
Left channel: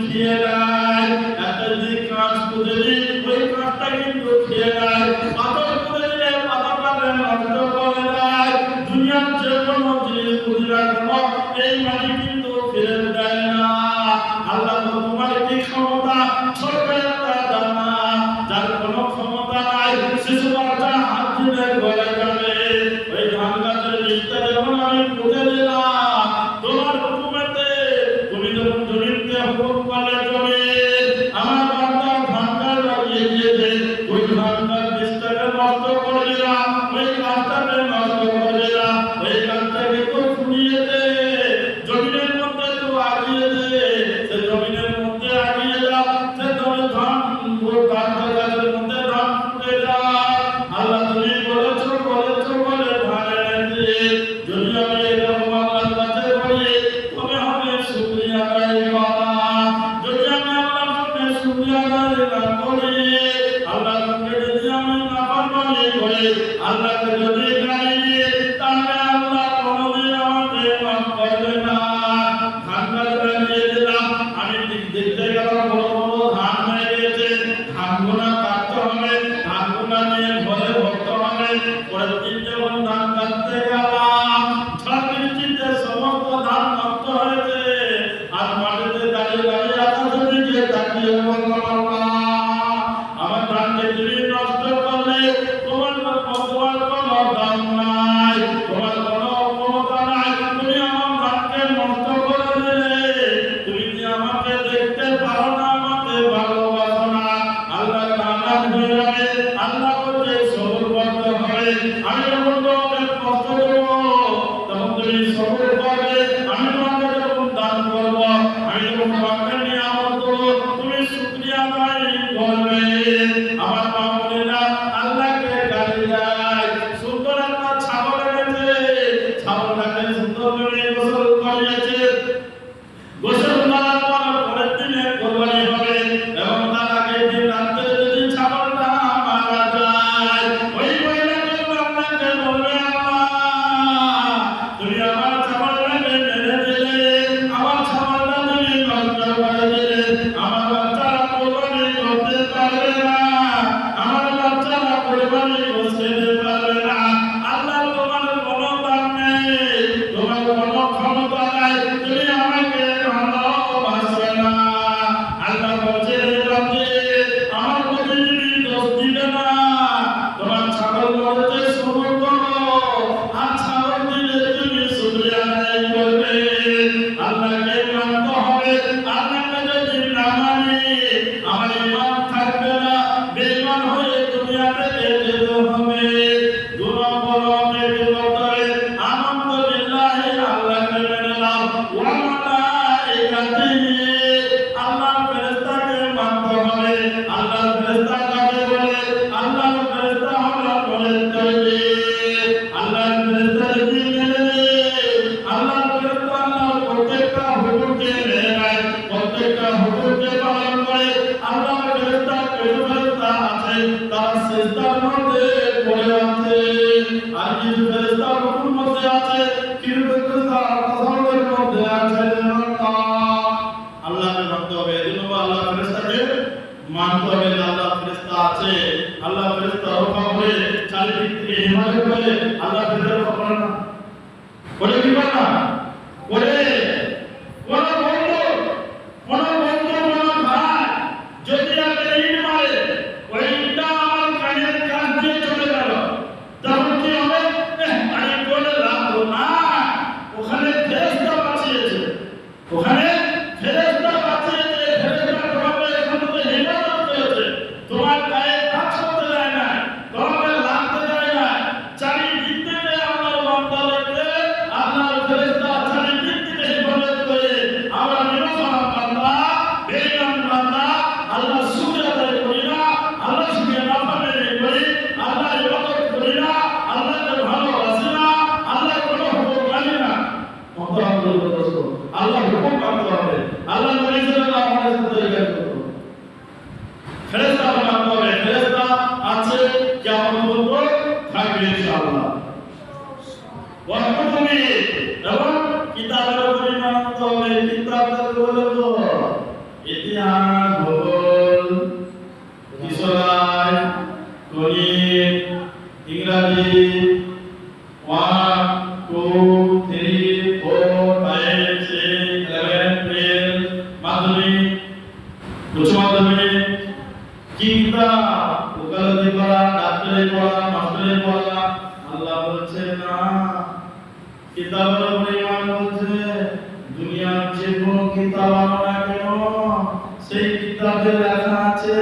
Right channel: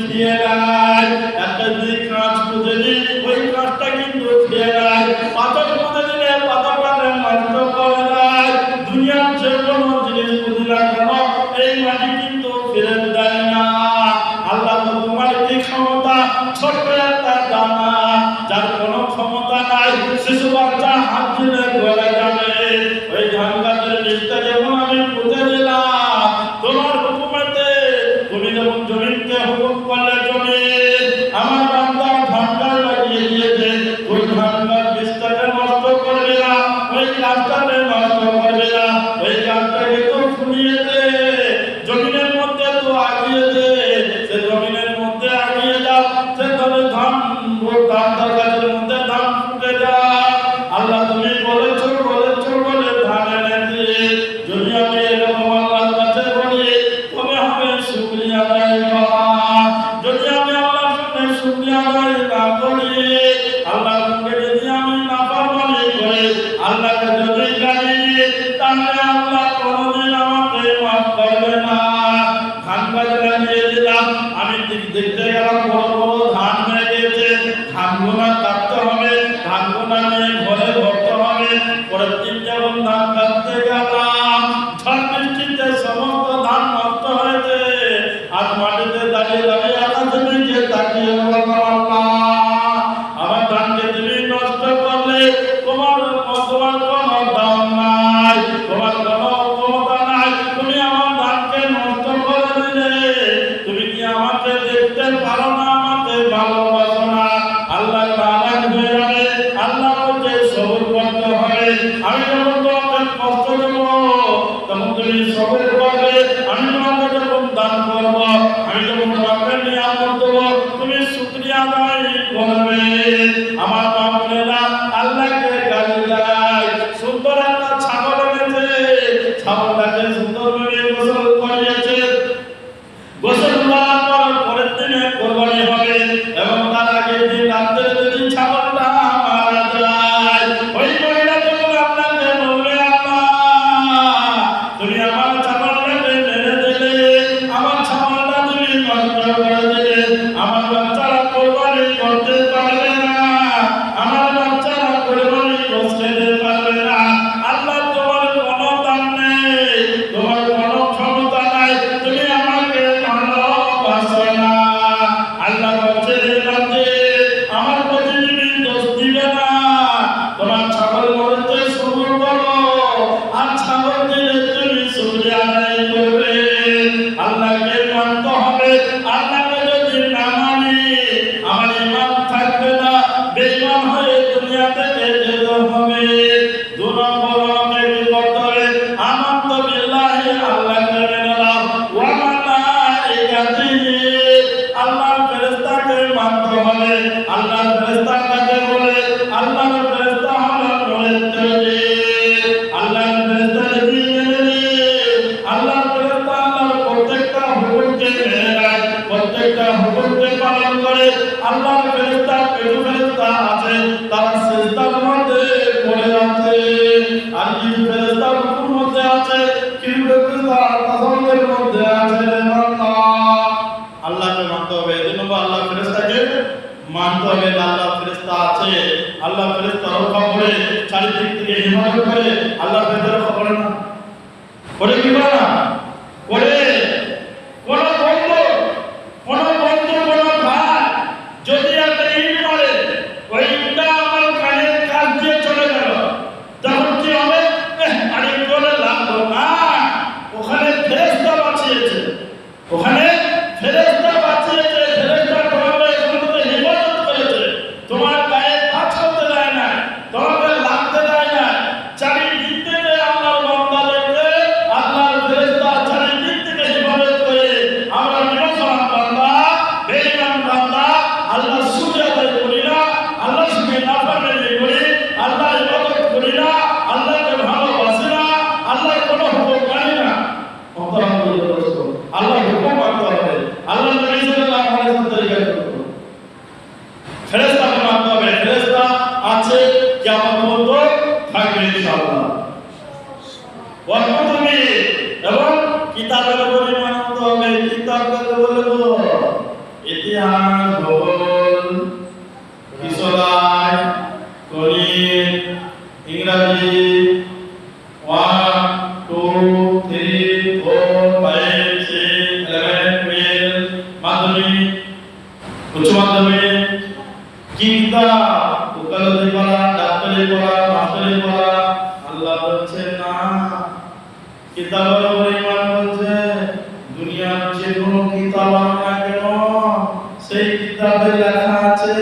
খেয়ে নেয়, একটা যদি কাঁচ পুঁতে দিই ওই কাঁচটা কিন্তু খেয়ে নেয়, পাথর পুঁতে দিলে পাথরটাকে নষ্ট করে দেয়। দুনিয়ার যে কোনো জিনিস পুঁতে না কেন এই মাটি কিন্তু ফেরত দেয় না। আল্লাহ তোমার কি ক্ষমতা, ছোট্ট একটা দানা, যার কোনো ক্ষমতা নাই, শিশু বাচ্চা হাত দিলে গলে যাবে, ওই ধান গাছের বীজটা যখন আমি পুঁতে দিলাম তোমার হুকুমেতে, তুমি যখন জমিনকে হুকুম করলে জমিন আমার বান্দা ধান গাছ লাগিয়ে দিয়েছে, ওই ধান গাছ বীজটাকে নষ্ট করবে না, ওই গাছটাকে নষ্ট করবে না, ওই গাছটাকে তো ফুলিয়ে দে, জমিনের মধ্যে তো আগিয়ে দে, সে জমিনের মধ্যে আগিয়ে যাও, সে তবে ধান গাছের মধ্যে ধান ফুটে যায়। আল্লাহ তুমি বলেছো বলে ধান এনেছি, যদি আমি এরকম আল্লাহর কাছে বলি তবে হবে শুকরিয়া আদায় করা। যদি আমি আল্লাহর সামনে শুকরিয়া আদায় না করি, আল্লাহর সঙ্গে যদি আমি নাফরমানি করি, আল্লাহকে যদি গালি দিই, তাহলে আল্লাহ কোনোদিন আমাকে মাফ করবে না। ধান গাছ লাগিয়ে দিলাম, আমি দেখতে গেলাম বড় বড় ধান হয়ে গেছে, ধানগুলা কাটতে হবে, ধানগুলা নিয়ে ঘরে ভরতে হবে। পরের দিন যখন ধান কাটতে গেলাম, ঝড় বৃষ্টিতে সমস্ত ধান নষ্ট হয়েছে, আর মাটিতে দাঁড়িয়ে দাঁড়িয়ে আকাশের দিকে তাকিয়ে বললাম, আল্লাহ আমার ধানকে তুমি নষ্ট করলে তোমার কোনো দাম নাই, তোমার কোনো ক্ষমতা নাই, তুমি আমার ধানকে নষ্ট করে দিলে, তুমি কি আমাকে দেখতে পারো না, আমাকে ভালোবাসো না? আল্লাহ নারাজ হয়ে যাবে, আল্লাহ বলছে সবর করতে হবে, আমি যখন তোমাকে কষ্ট দেব তখন তুমি সবর করবে, আমি তোমাকে যখন দান করব, আমি যখন তোমাকে নিয়ামত দেব তুমি শুকরিয়া আদায় করবে। আমার মা বোনেরা আল্লাহকে গালি দেয়, সুন্দর একটা ছাগল এনেছে, ছাগলটাকে সুন্দর করে গোসল করিয়েছে, গোসল করার পর পরের দিনে কোরবানি হবে, এবং তার আগের দিন রাত্রে যদি ছাগলটা মারা যায়, ওই মহিলা যখন আপনাকে বলবে, আল্লাহ তুমি আমার ছাগলটাকে মেরে দিলে, আমার ছাগলটা তুমি নষ্ট করে দিলে, আমার বাচ্চারা কোরবানি করতে পারবে না, আমার বাচ্চারা কোরবানি করতে পারবে না, আল্লাহ তোমার কোনো দাম নেই, তোমার কোনো ক্ষমতা নাই, তুমি আমাকে ভালোবাসো না। আল্লাহ বলছে আমার প্রতি তুমি দোষ দিবে না, তোমার ছাগল মরতে সবর করো, আর ছাগল দিলে তুমি শুকরিয়া আদায় করবে। আল্লাহকে মানতে হবে, আল্লাহকে যদি না মানি আমার ঈমান থাকবে না, বেঈমান হয়ে দুনিয়া থেকে যেতে হবে। দু নম্বর আমাকে কি করতে হবে? আমানতু বিল্লাহি, আল্লাহকে মেনে নাও, ওয়া মালাইকাতিহি, আল্লাহর ফেরেশতাকে মানতে হবে। আল্লাহর ফেরেশতা কাকে বলে? আল্লাহর ফেরেশতা হলো নূরের তৈরি। আল্লাহর ফেরেশতা যদি মেনে নিই, আল্লাহর ফেরেশতা আল্লাহর প্রত্যেকটা হুকুমকে মেনে নেয়, প্রত্যেকটা হুকুমকে পালন করে। আল্লাহর ফেরেশতা কিছু ফেরেশতা আছে তারা সিজদার মধ্যে পড়ে আছে, আর কিছু ফেরেশতা রুকুর মধ্যে আছে, কিছু ফেরেশতা তাসাউদের মধ্যে আছে। আল্লাহকে মানতে হবে, এজন্য আল্লাহ ফেরেশতাকে মানতে হবে। আল্লাহ ফেরেশতা আছে, আল্লাহ ফেরেশতা রক্ষা করে, চারিদিক থেকে হিফাজত করে। আল্লাহ ফেরেশতা রক্ষা করে না, করে কি করে না? করে। কোন বন্ধু কোন ভাই যদি একটা ইট মারে, ওই ইটটা আমার কানের কাছ দিয়ে চলে গেল, তখন কি হবে? আরে বলে লাগলো না, ওখানে ফেরেশতা বাঁচিয়েছে, ওখানে ফেরেশতা বাঁচিয়েছে, ফেরেশতা তোমাকে এখানে হিফাজত করেছে, তোমার গায়ে টাচ করতে দেয় না, তোমাকে লাগতে দেয় না। চারিদিক থেকে আল্লাহর বান্দাদেরকে আল্লাহর ফেরেশতা ইতিহাস ভূগোল কিশোরায় গণিত ইংরাজি 1 2 3 4 5 6 11 12 মাধ্যমিক উচ্চ মাধ্যমিক কিতা উকালতি পড়া ডাক্তারি পড়া মাস্টারি পড়া আল্লাহ বলছে না কিতাবের উপর ঈমান বলছে দুনিয়ার যে কোনো কিতাব আনো না কেন সেই কিতাবে লেখা আছে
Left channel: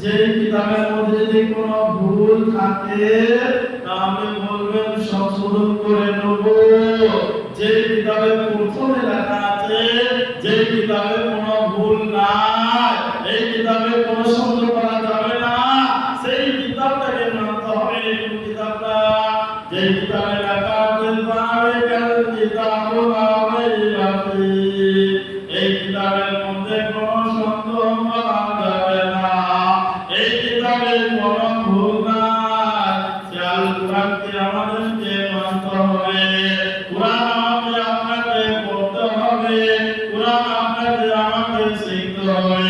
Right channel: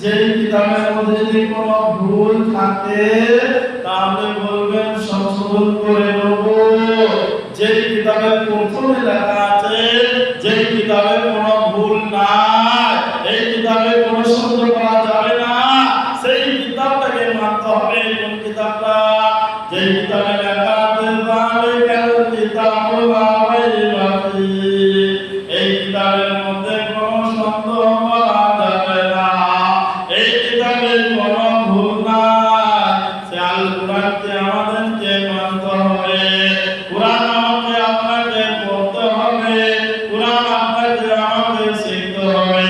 যে কিতাবের মধ্যে যদি কোনো ভুল থাকে তাহলে বলবেন সংশোধন করে নেব যে কিতাবে প্রথমে লেখা আছে যে কিতাবে কোনো ভুল নাই এই কিতাবে কোনো সন্দেহ করা যাবে না সেই কিতাবটাকে মানতে হবে কোন কিতাবটা যে কিতাবে লেখা আছে যালিকাল কিতাবু লা রাইবা ফীহি এই কিতাবের মধ্যে কোনো সন্দেহ করা যাবে না এই কিতাবে কোনো ভুল নাই সে আল কোরআনকে আমাদেরকে মানতে হবে কোরআন আমাকে আপনাকে পড়তে হবে কোরআন আপনাকে আমাকে শিখতে হবে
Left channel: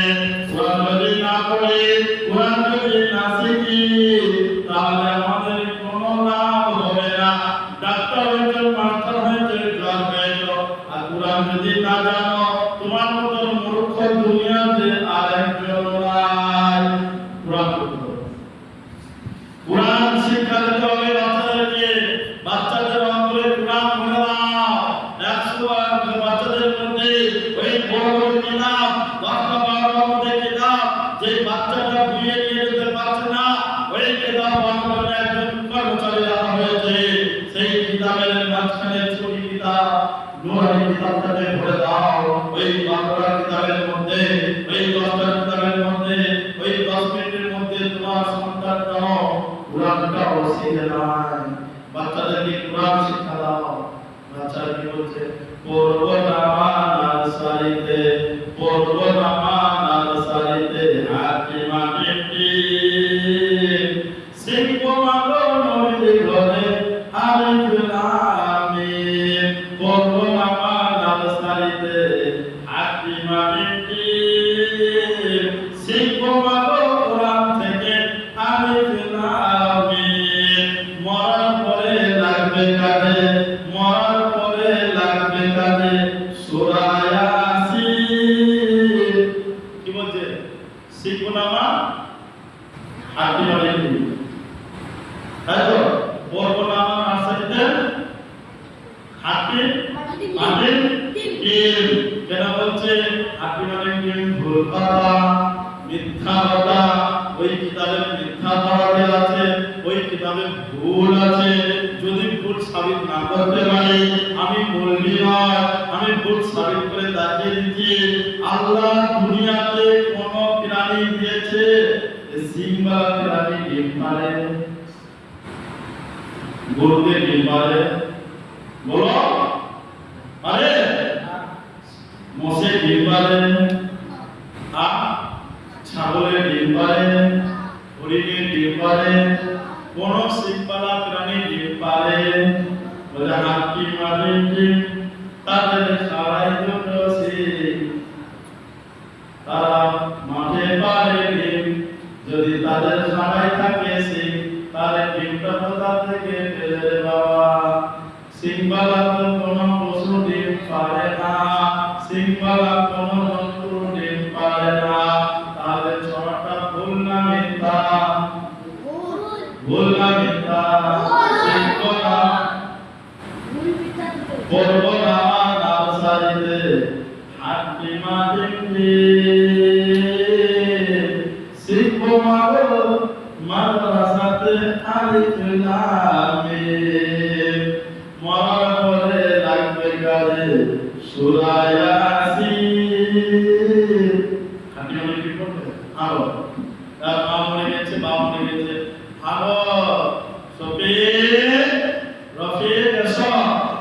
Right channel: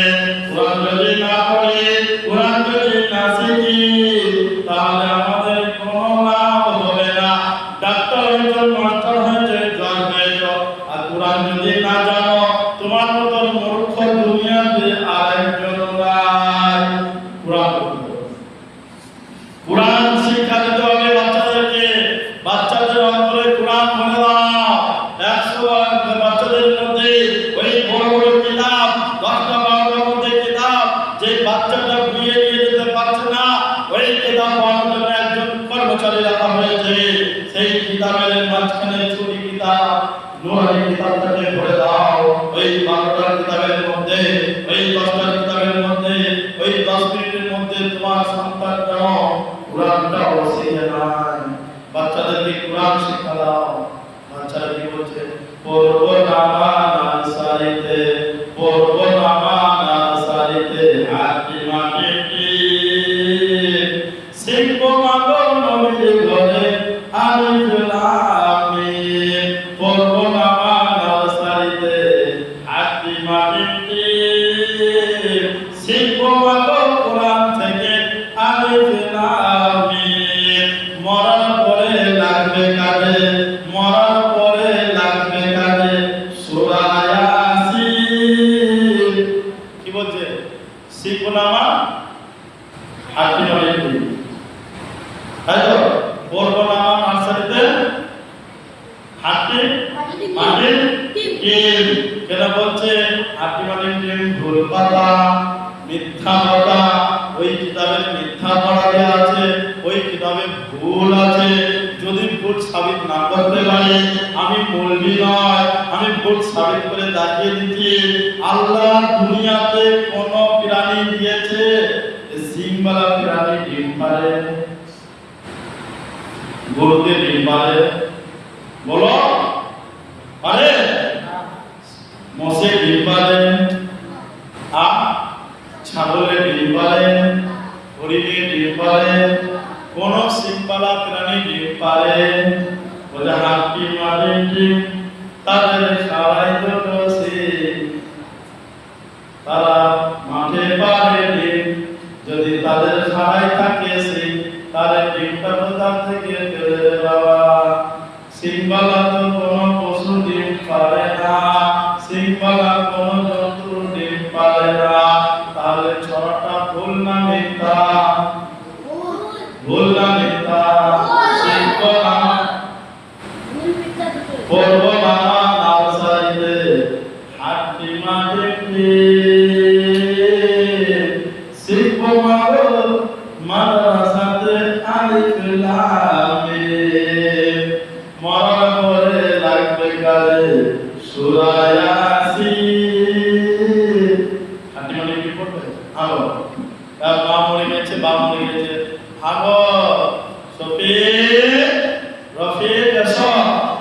কোরআন যদি না পড়ি কোরআন যদি না শিখি তাহলে আমাদের কোনো লাভ হবে না ডাক্তার হয়েছে মাস্টার হয়েছে জজ হয়েছে আর কোরআন যদি না জানো তোমার মতো মূর্খ দুনিয়াতে আরেকজন নাই কোরআন কোরআন শিক্ষা দিতে হবে বাচ্চাদেরকে বাচ্চাদের অন্তরে কোরআন ভরে দাও 100 বাচ্চাদের মধ্যে ওই বড় বড় কিতাব 10টা 12টার মধ্যে কিতাব যে বাচ্চাটা বিয়ে নিয়ে যেতে পারছে না ওই কিতাব বানানোর জন্য একজন কর্মচারী রাখা হয়েছে সেই কিতাবের মাঝখানে ছোট কিতাব নুরানি কিতাবটাকে ভরে দাও ওই 12টা কিতাবের মধ্যে ওই 10টা কিতাবের মধ্যে ওই 10 মিনিটের মধ্যে তোমার সন্তানটা কোরআনটা শিখে নেয় বাচ্চাদেরকে কোরআন শিক্ষা দাও বাচ্চারা কি বলছে পড়বো নার্সারিতে হাতিমা টিটি শিখবো মাগো নবীর ঘরে আলিফ লাম মিম পড়বো নার্সারিতে হাতিমা টিটি শিখবো মাগো কোরআন থেকে আলিফ লাম মিম মরার পরে লাগবে কাজে মরার পরে লাগবে কাজে সূরা ইয়াসিন কি বলছে শিখবো না মা হাতিমা টিটি তাই তো পড়বো না মা নার্সারিতে হাতি মানে টিম কেন বলছে হাতি মানে টিম ভুল কথা মিথ্যা কথা ওই কিতাবে মিথ্যা পড়া আছে ওই কিতাবে ভুল আছে যদি ভুল সাবিত না করতে পারি আমি মৌলবি নয় আমি ভুল সাবিত করে দেখিয়ে দিচ্ছি আল্লাহ দুনিয়াতে কোন প্রাণী দিয়েছে সিংবালা প্রাণী ডিম পারে গরুতে ডিম পারে বলো পারে মোষে ডিম পারে ছাগলের ডিম পারে হরিণের ডিম পারে কোন সিংবালা প্রাণী ডিম পারে বলে হাতি মারে ডিম তাদের খাড়াই দুটো সিং তারা মাঠে পারে ডিম যদি তাদের খাড়াই থাকে সিং তাহলে ডিমটা কোথা থেকে পেলে বাবা সিংবালা তো কোনো পশু ডিম পারে না সিংবালা কোনো জন্তু ডিম পারে না তাহলে ছড়াটা ভুল না মিথ্যা ভুল না মিথ্যা শিখবো না পড়বো না নার্সারিতে হাতিমা টিটি শিখবো মাগো মাদ্রাসাতে আলিফ লাম মিম মরার পরে লাগবে কাজে সূরা ইয়াসিন হাতিমা টিটি পড়বে আলো তার মা মরে গেছে বাবা মরে গেছে আগো সফিক রফিক এসো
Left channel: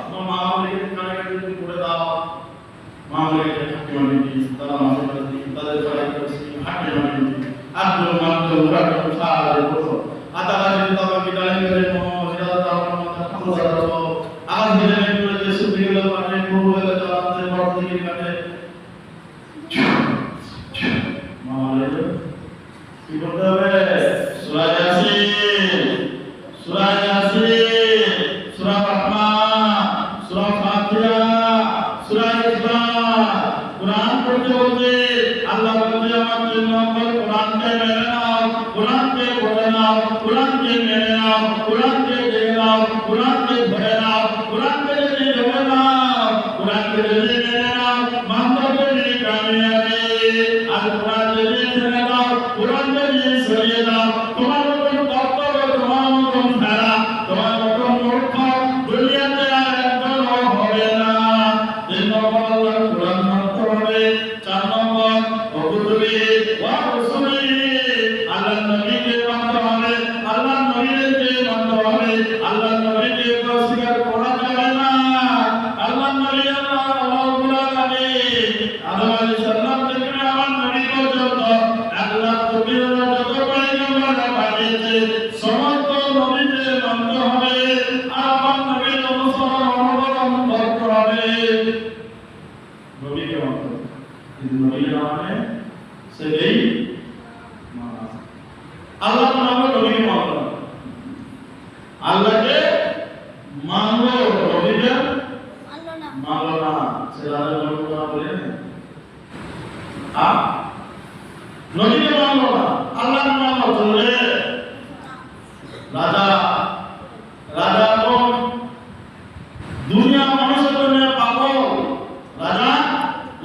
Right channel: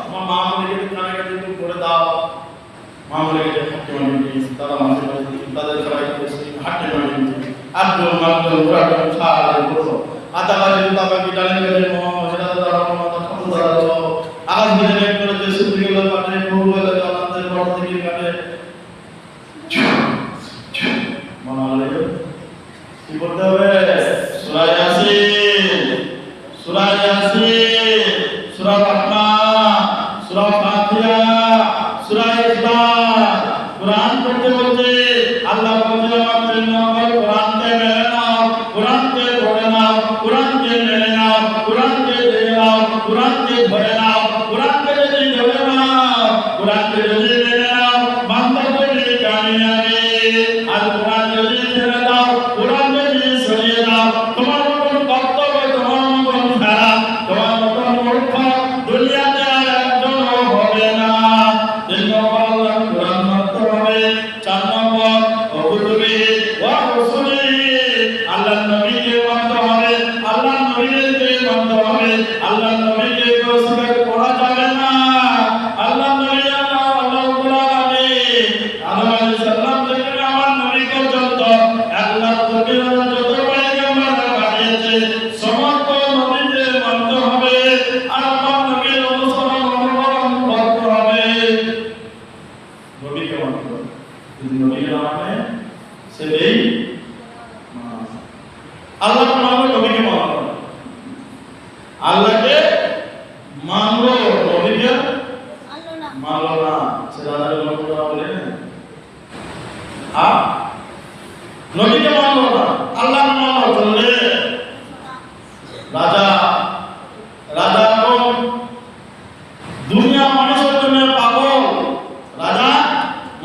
তোমার মা মরে গেছে কানে কানে তুমি পড়ে দাও মা মরে গেছে হাতিমা টিটি তারা মাঝে মাঝে তাদের সবাই করেছে হাতিমা টিটি আব্দুল মাবদুল কুরআন সালে বলো আতা গালে বাবা কি ডালে মেরে মহা মাতা খন্দা দাও আজ দিনে করে যে সুবিগল পাটে বহু হলে আমাদের বড় থেকে কাটে বলছে আল্লাহ বলছে আমার জন্য কোরআনকে মেনে নাও, কোরআনকে পড়ে নাও, কোরআনকে মেনে নাও, কোরআনকে দেখে নাও, কোরআনকে ধরে নাও, কোরআনকে যদি ধরে নাও, কোরআনকে যদি মেনে নাও, বান্দা বলে কামিয়াবি। আর কোরআন যদি ছেড়ে দাও, কোরআন যদি সরিয়ে দাও, তোমার মতন কর্তব্য, তোমার মতন ফেরা, তোমার মতন মূর্খ দুনিয়াতে আর একজন হবে না। 3 নম্বর আল্লাহর কোরআন মানতে হবে। 4 নম্বর কুতুবে ওয়া রাসূলি, আল্লাহর নবীকে মানতে হবে, আল্লাহর নবীকে মানতে হবে, আল্লাহর নবীকে অস্বীকার করা যাবে না। আল্লাহর নবী আল্লাহ রাব্বুল আলামিন আদম আলাইহিস সালাম থেকে আমার নবী পর্যন্ত 1,20,000 যত পয়গম্বর পাঠিয়েছে সমস্ত নবীকে মানতে হবে আর আমার নবীর অনুসরণ অনুকরণ করতে হবে। নবীকে মানতে হবে, যদি নবীকে না মানে সে এই আল্লাহ মানলো, নবীকে মানলো, আল্লাহকে মানলো, নবীকে মানলো না। সে রাজার গল্পটা বলে নবীকে মানলো না, আল্লাহ মানলো চললে রাজা। রাজা কোন দুনিয়া মানুষের জন্য পাগল, রাজা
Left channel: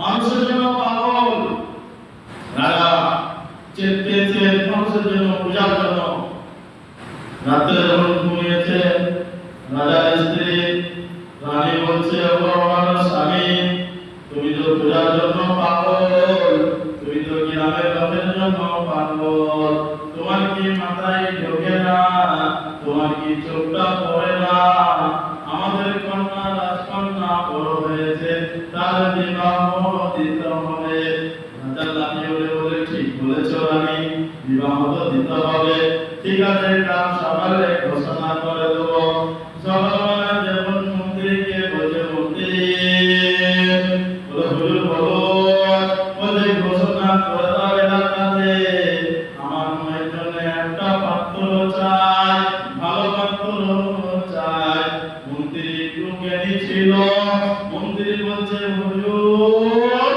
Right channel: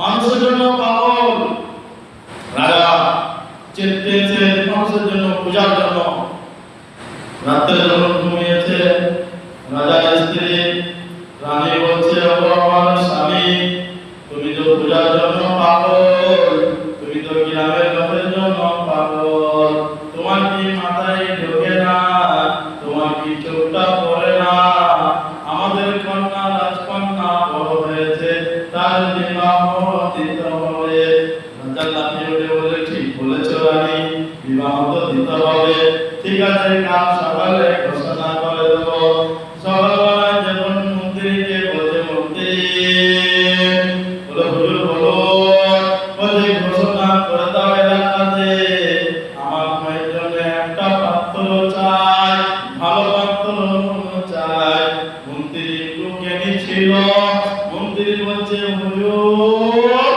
মানুষের জন্য পাগল। রাজা চেতেছে মানুষের জন্য, পূজার জন্য। রাতে যখন ঘুমিয়েছে রাজার স্ত্রী রানী বলছে ও আমার স্বামী, তুমি তো পূজার জন্য পাগল, তুমি তো গ্রামের লোকের জন্য পাগল, তোমার কি মাথায় ঢোকে না, তোমার কি চোখটা পড়ে না? আমাদের কন্যা রাজকন্যা বড় হয়েছে, তার বিবাহ দিতে হবে। রাজা লাফিয়ে উঠে বলে ঠিক বলেছো রানী, বিবাহ তো দিতে হবে। ঠিক আছে, কাল সকালে ঘোষণা করে দেবো। সকালবেলায় যখন মন্ত্রীকে বলছে মন্ত্রী বলে হুজুর বলো, বলে ঘোষণা করে দাও এলাকাতে আমার মায়ের জন্য একটা পাত্র চাই, ভালো পাত্র চাই। মন্ত্রী একটু জ্ঞানী ছিল, মন্ত্রী বলছে হুজুর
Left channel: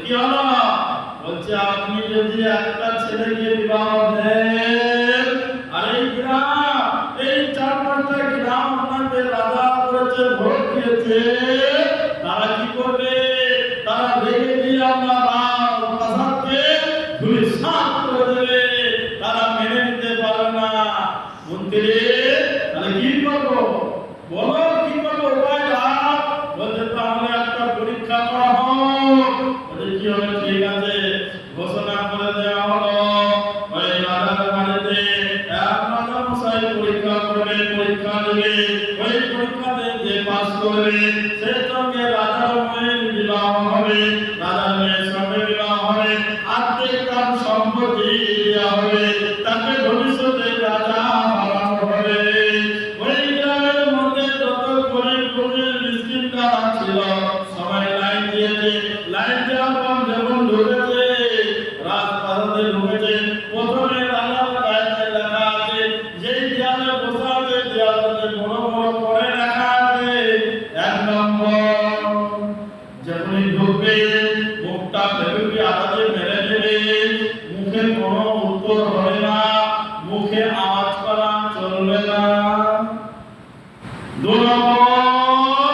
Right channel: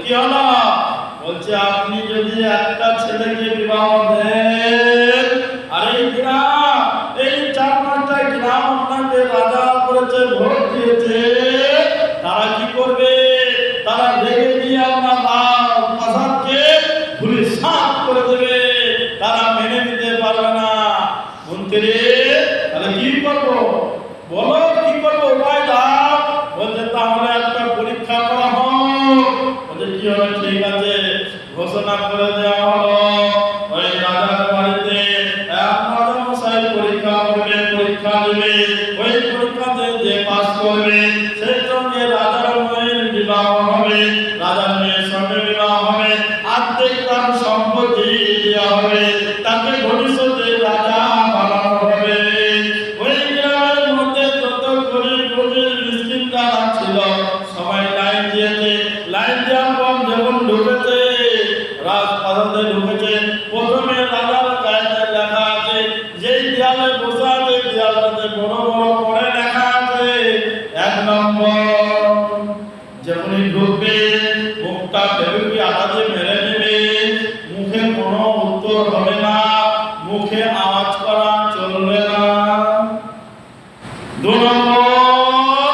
কি হলো? বলছে আপনি যদি একটা ছেলেকে বিবাহ দেন, আর এই গ্রাম, এই 4-5টা গ্রাম আপনাকে রাজা করেছে, ভোট দিয়েছে, তারা কি করবে? তারা রেগে দিয়ে আপনার প্রাসাদকে ধূলিসাৎ করে দেবে, তারা মেনে নিতে পারবে না। মন্ত্রী তাহলে কি করবো বলো, কি করবো উপায় দাও। বলছে তাহলে একটা পরীক্ষা করা হোক। বলছে কি হবে? ঠিক আছে, ঘোষণা করে দেওয়া হলো ওই রাজার বাড়িতে এক রাজা মশাই পরীক্ষা করবে, পরীক্ষা দেবে। ওই পরীক্ষাতে যে পাস করবে সেই সঙ্গে রাজার মেয়ের বিবাহ হবে, রাজার মেয়ের সঙ্গে বিবাহ হবে, আর্ধেক তার সম্পত্তি দেওয়া হবে, তাকে ভবিষ্যতে রাজা বানানো হবে। ওই গ্রামের মধ্যে যত গরিব গরিব মিসকিন যারা ছিল সবাই লাইন দিয়েছে। লাইন দেওয়ার পর যখন ঢুকেছে রাজপ্রাসাদে ঢুকেছে, প্রথমে রাজার গায়ে লেখা আছে, যেই দেয়ালে বসা আছে দেয়ালটাতে বড় বড় করে লেখা আছে 1 নম্বর। যখনই ঢুকবে মুখটা ফেলুকি আঘাতে মেরে দেবে, মুখে কোনো উত্তর হবে না, মুখে আওয়াজ করা চলবে না। 2 নম্বর,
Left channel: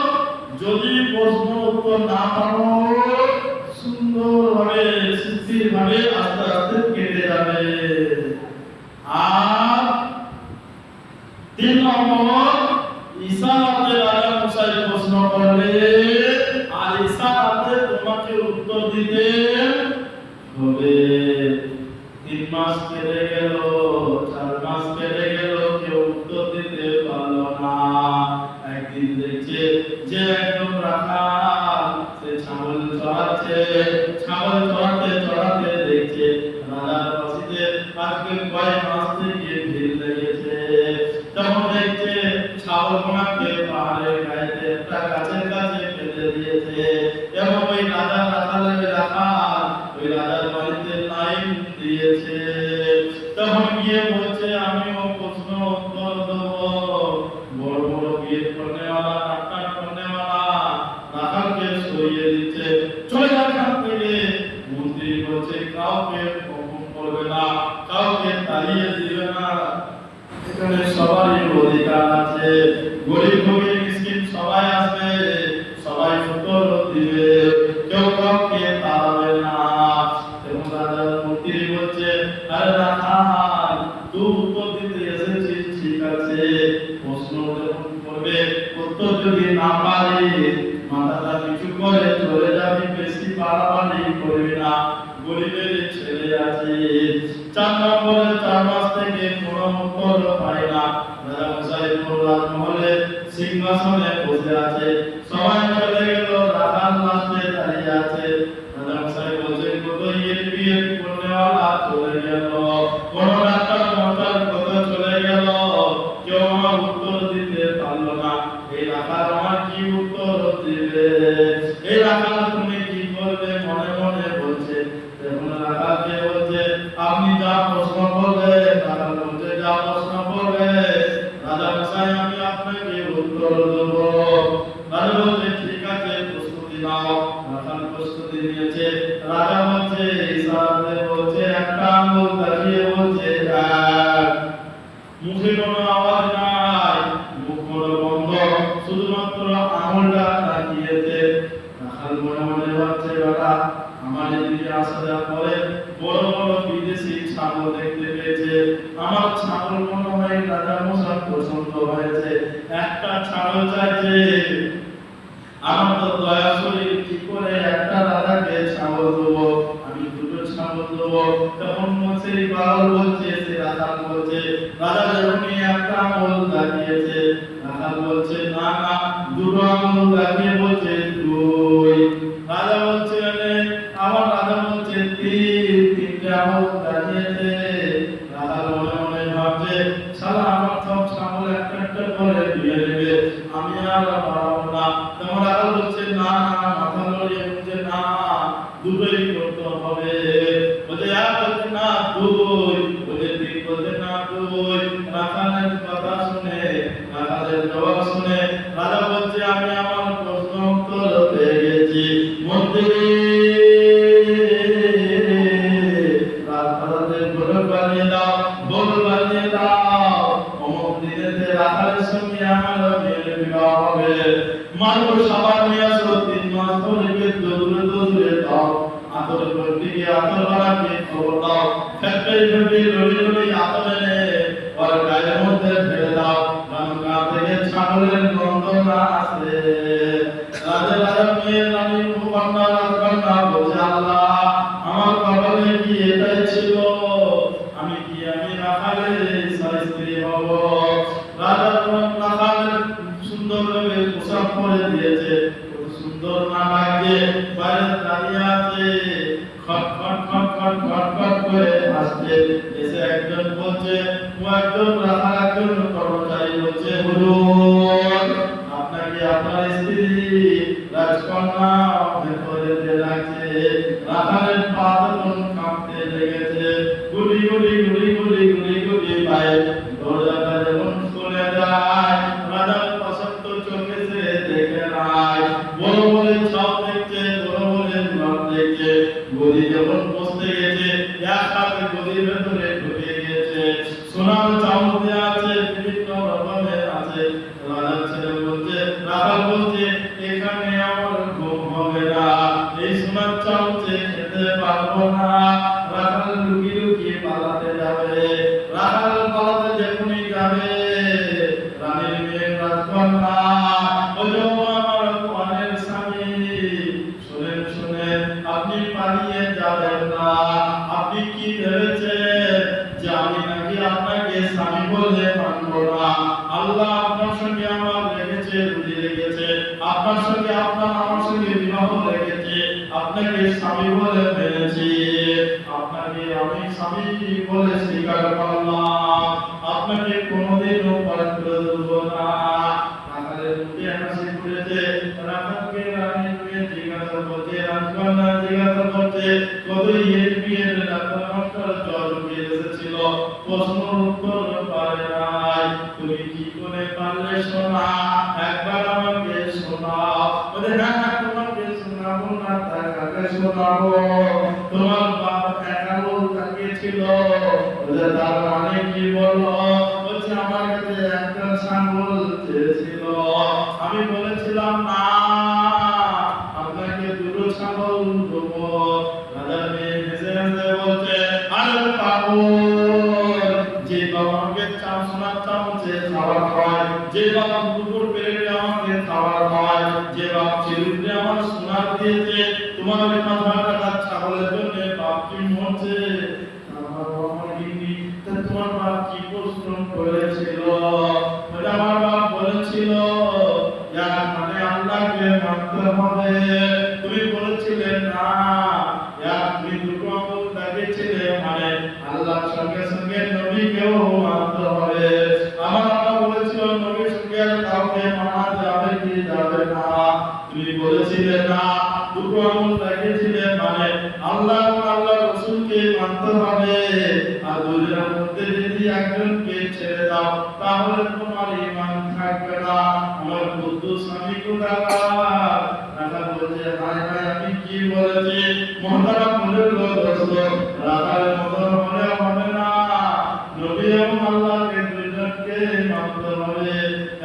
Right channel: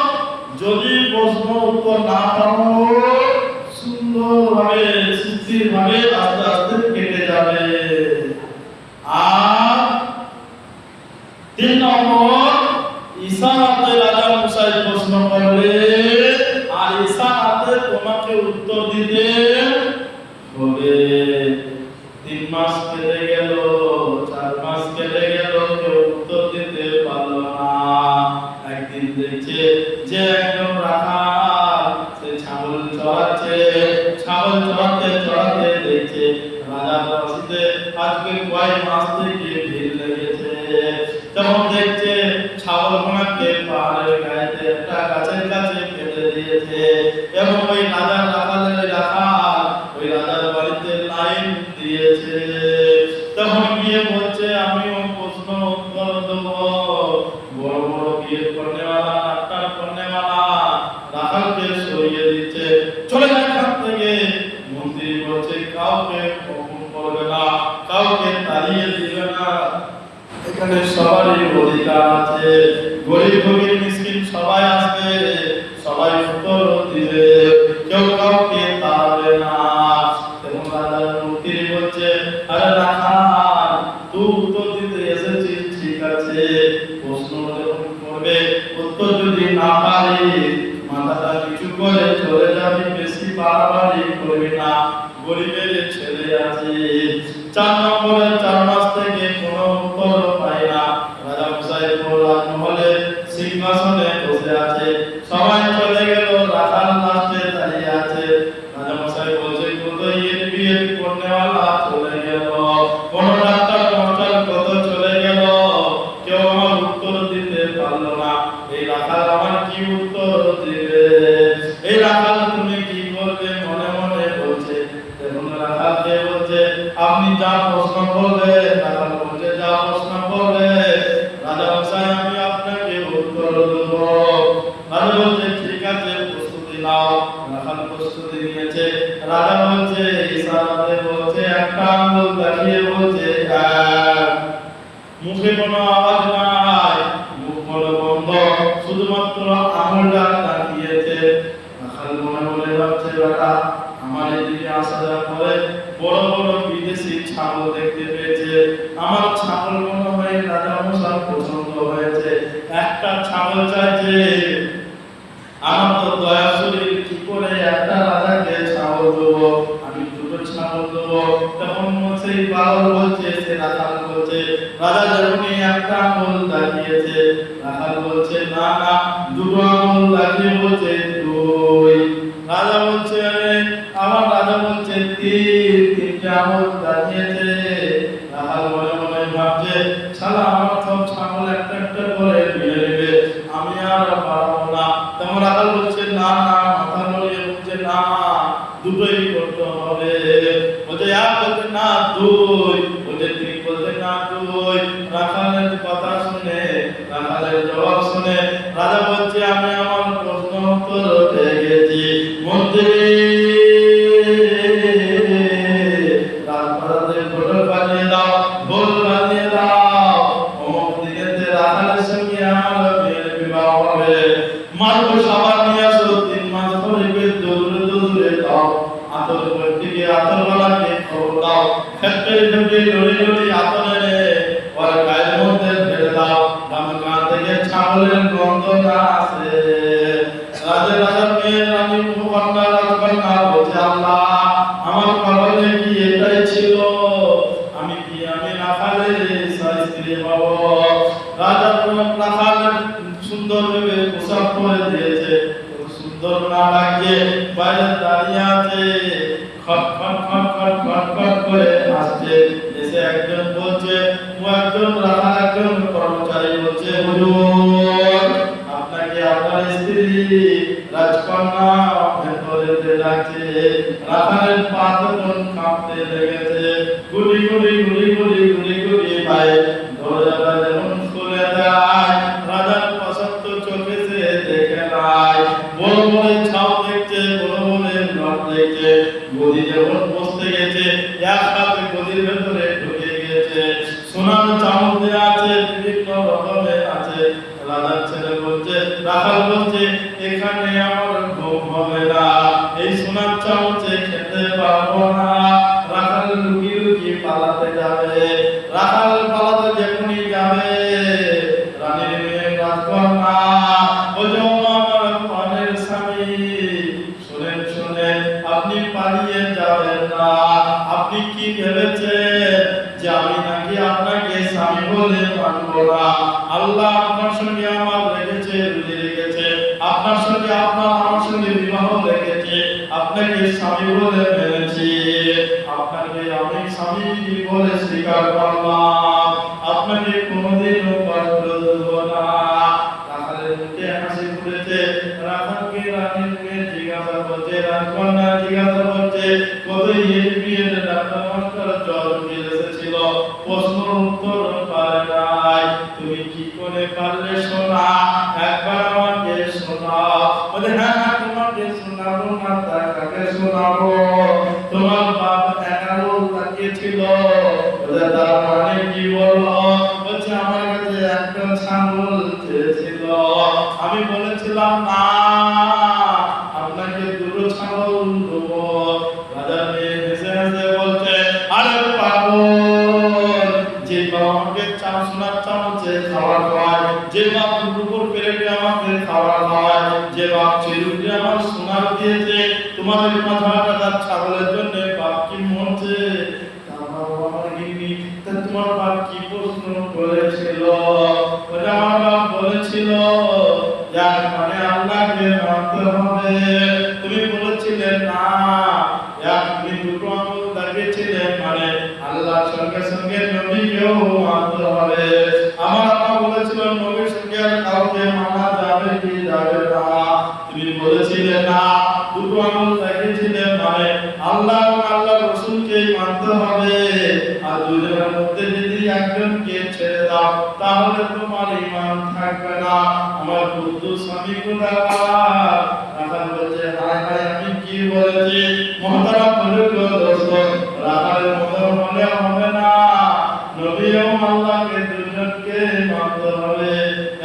যদি প্রশ্ন উত্তর না পাবো সুন্দরভাবে শিথিলভাবে আস্তে আস্তে কেটে যাবে। আর 3 নম্বর, ইশারাতে রাজা মশাই প্রশ্ন করলে আর ইশারাতে তোমাকে উত্তর দিতে হবে। 3 মাস কেটে গেল, 4 মাস কেটে গেল, কেউ উত্তর দিতে পারলো না। একদিন দেখছে যে একদম রাখাল সে ছাগল চড়াচ্ছে, ছাগল চড়াতে চড়াতে দেখছে রাজার বসিতে আজকে কয়েক মাস থেকে ভিড় লেগেছে। তখন দেখছে ছাগলগুলোকে পাহাড়ের গায়েতে একটা গাছের কাছে ফেলে দিয়েছে এবং ওই রাজার রাখালের রাখাল ওই রাজার বাড়িতে লাইন দিয়েছে। তখন গিয়ে বলছে আমিও প্রশ্ন উত্তর দেবো। বড় বড় বিয়ে করনেওয়ালা, নাটক করনেওয়ালা রাখালকে সরিয়ে দিচ্ছে, চলে যায় এখান থেকে। কাউকে হুকুম করবে না, কাউকে তাড়িয়ে দিবে না। এখানে সবারই অধিকার আছে। গরিব ফকির মিসকিন সবাই আসবে, সবাই উত্তর দিবে, কেউ কাউকে তাড়াবে না। এবং রাজার মন্ত্রী বলছে, আরে রাখাল, তুই উত্তর দিতে এসেছিস ঠিক আছে, প্রশ্ন যখন করবে উত্তর যদি না পারিস মাথাটা নিচু করে চলে যাবি, বেশি বাড়াবাড়ি করবি না, গরিবের ছেলে আছে। 4 নম্বরে 4 মাস থেকে কোনো উত্তর পায় না। রাজা মশাই রাজমহলে সিংহাসনে বসে আছে, সবাই চলে গেল, রাখাল লাস্টে দাঁড়িয়ে আছে। রাজা মশাই বলছে, কত বিয়ে করনেওয়ালা চলে গেল, কোন ডাক্তার মাস্টার কত চলে গেল, কেউ আমার উত্তর দিতে পারলো না। এই রাখাল আমার কি উত্তর দিবে? এই রাখাল তুমি কি করবে? মনে মনে বলছে। দেখুন রাখালকে বলছে, আপনি যা প্রশ্ন করবেন। রাখাল বলছে, যা প্রশ্ন করবে রাজা মশাই আমি আপনাকে উত্তর দেব। রাজা বলছে, ঠিক আছে, প্রস্তুতি নাও। রাখাল প্রস্তুতি নিয়েছে। রাজা বলছে, ইশারাতে বলছে, একটা আঙ্গুল দেখিয়ে বলছে, মুখে কোনো আওয়াজ নাই, মুখ বড় বন্ধ, শুধুমাত্র আঙুলটা তাকিয়েছে। রাখাল মনে মনে ভাবছে, বেটা আমার এদিকে আসার পরে বড় বড় বিদেশি ছাগল দেখতে পেয়েছে, আমার ছাগল মনে হয় রাজা মশাই পছন্দ হয়েছে, একটা ছাগল চাইছে। আমার তো দয়া শরীর, কি করে একটা রাজাকে ছাগল দেবো, আমি দুটো ছাগল দেবো। তখন সেই পাগল বলছে, সে রাখাল বলছে, রাজা যখনই একটা আঙুল দেখিয়েছে, রাখাল বলছে, না না, দুটো আঙুল দেখিয়ে বলছে দুই। রাজা বলছে, আমার রাজা বলছে তিনটে আঙুল দেখিয়েছে। রাখাল মনে মনে ভাবছে, শালা আমার সব ছাগল একটা একটা করে নিয়ে নেবে, আমি আর পারবো না। তখন রাখাল বলছে, না না, মাথা নড়িয়ে বলছে, না দুটোই করতে হবে। বলছে এক, বলছে না দুই, বলছে তিন, বলছে না দুই। রাখালের কথা শুনে, রাখালের জবাব শুনে রাজা বলছে, আমি আমার প্রশ্ন উত্তর পেয়ে গেছি। মন্ত্রী রাজপ্রাসাদের ঘটক বানিয়ে দাও, গোল বানিয়ে দাও, অমুক দিনেতে রাখালের সঙ্গে আমার মেয়ের বিবাহ হবে। মাত্র সাবান নিয়ে আসো, 3 মাস ধরে দৌড়ে দৌড়ে দাও, আতর করতে গিয়ে আতর বানাকে খবর দাও, ফেটে ফেটে লড়ি লড়ি আতর এনে ওর গায়ের মধ্যে ফেলে দাও, গা থেকে ছাগলের গন্ধ না আসে। রাজার মেয়ে রানী কন্যা রাজকন্যা বলছে, আল্লাহ আমার কপালে কি এটাই ছিল, আমি রাখালের স্ত্রী হব। রাজা রাখাল সুন্দর ভাবে পোশাক পরে দিয়েছে, সুন্দর না লাগছে, বাইরে দাঁড়িয়ে আছে, খট খট খট খট খট খট করে আসছে। এসে একজন বলছে, একজন রাখাল একজন কর্মচারী বলছে, হুজুর আপনাকে আপনার স্ত্রী রাজকন্যা ভেতরে ডাকছে। রাখালের পা তখন কাঁপতে লেগেছে, গুলি গুলি গুলি গুলি গুলি গুলি পায়ে দরজাটা যেমন খুলে দেয়, রাজার পছন্দ চোখে সে দেখে নাই, বড় বড় ছাও দেখছে, বড় বড় নট দেখছে, গদি যখন বসতে গেছে এক হাতে গদির ভেতরে ঢুকে গেছে, সোনার চামচ আছে, বিভিন্ন রকমের আছে। রাজার ছেলে বলছে, রাখাল বলছে, এখানে আমার ঘুম হবে না, এই সোনার চামচে খেতে পারবো না। রাখাল লুকিয়ে লুকিয়ে পালাতে যাবে। রাখাল পালাতে যখনই যাবে, রানীর মেয়ে রাজকন্যা বলছে, আমার প্রাণের স্বামী, শুনেন শুনেন, আপনি পালিয়ে যাবেন না। আপনি কি ভেবেছেন যে আমি নাকি আপনাকে স্বামী বলে মানবো না? আল্লাহ আপনার সঙ্গে আমার রেখেছে, রুজি রেখেছে, আপনার সঙ্গে আমার সঙ্গে বিবাহ রেখেছে, আপনাকে স্বামী বলে মেনেছি, আপনাকে আমি স্বামী বলে স্বীকার করলাম, আপনাকে কোনোদিনও কষ্ট দেব না। রাখালের মুখে হাসি ফুটেছে। রাখালকে রানীর মেয়ে জিজ্ঞাসা করছে, রাজকন্যা জিজ্ঞাসা করছে, কত বিয়ের ডাক্তার মাস্টার জ্বর এসেছিল, প্রশ্ন উত্তর পারে নাই, তুমি কি করে পারলে শোনা, একবার আমাকে শোনাও। বলে, হ্যাঁ হ্যাঁ তোমাকে শোনাবো না, তাকে শোনাবো। তোমার বাবা হবে। তুমি বলেছিলে না, তুমি দুটো আঙুল দেখিয়েছিলে, মানে আল্লাহর সঙ্গে সঙ্গে নবীকেও মানতে হবে। আমার আম্মা বলেছিল নবীর সঙ্গে কাউকে মানা যাবে কি যাবে না। তুমি বলেছিলে না, দুটো আঙুল দেখিয়েছিলে, মানে আল্লাহ এবং আল্লাহর রাসূলকে মানতে হবে। আর দুজনের মধ্যে যদি একজনকে ছেড়ে দাও তাহলে তোমার ঈমান থাকবে না। আমার বুদ্ধ স্বামী কোথাকার রাখা বলেছে, হায় হায় আমি কি বলেছি। মহতারাম বলল দোস্ত, রাখালের মতো হলে হবে না। নবী এবং আল্লাহকে দুজনকে মানতে হবে,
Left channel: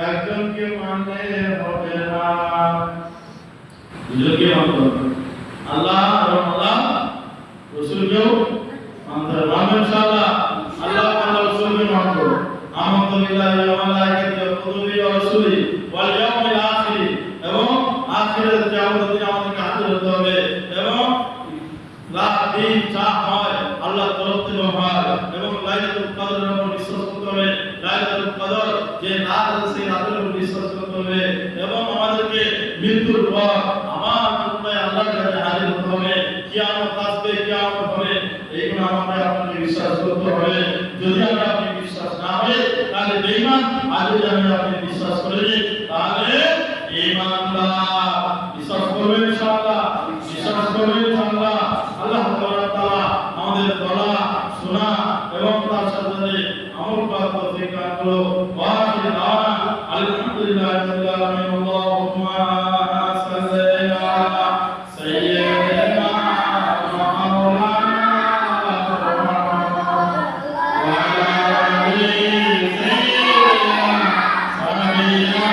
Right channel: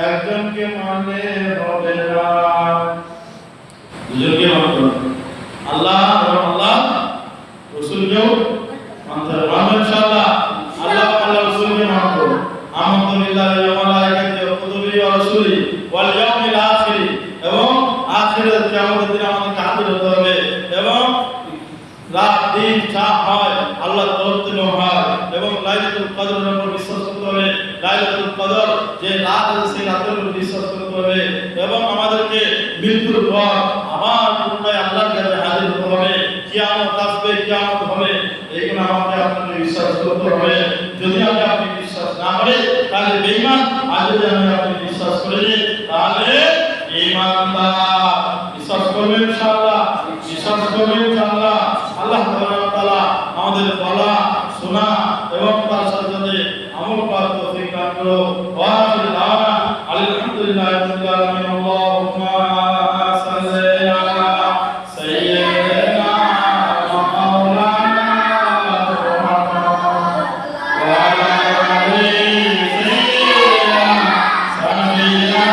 একজনকে মানলে হবে না। দুজনকে মানতে হবে, আল্লাহ এবং আল্লাহ রাসূলকেও মানতে হবে। মানবে ইনশাআল্লাহ, আল্লাহ আল্লাহ রাসূলকে মানবো। আমানতু বিল্লাহি ওয়া মালাইকাতিহি ওয়া কুতুবিহি ওয়া রাসূলিহি ওয়াল ইয়াউমিল আখির, এবং আখিরাত কিয়ামতের দিন আমাদেরকে হাজির হতে হবে, এবং রাত দিন যা হয় আল্লাহর তরফ থেকে হয়, এবং লাইলাতুল কদরের উপর বিশ্বাস করতে হবে। লাইলাতুল কদর যে রাত আছে সেই রাতের উপর বিশ্বাস করতে হবে, এবং আমাদেরকে মৃত্যুর পর আবার পুনরায় আল্লাহর কাছে হাজির হতে হবে। কিয়ামত আসবে, কিয়ামত হবে, এইগুলো আমাকে আপনাকে বিশ্বাস করতে হবে। যদি আপনি বিশ্বাস না করে তাহলে বেঈমান, আর যদি আপনি বিশ্বাস করেন তাহলে ঈমানদার। বিশ্বাস করবেন ইনশাআল্লাহ, বিশ্বাস করবেন ইনশাআল্লাহ। আল্লাহ তাআলা আমাদের বলা শোনা এবং তার সাথে সাথে আমল করার তৌফিক দান করুন। ওয়া আখিরু দাওয়ানা আলহামদুলিল্লাহি রাব্বিল আলামিন। আল্লাহুম্মা সাল্লি আলা সাইয়্যিদিনা মাওলানা মুহাম্মদ ওয়া আলা আলি সাইয়্যিদিনা সাবিনা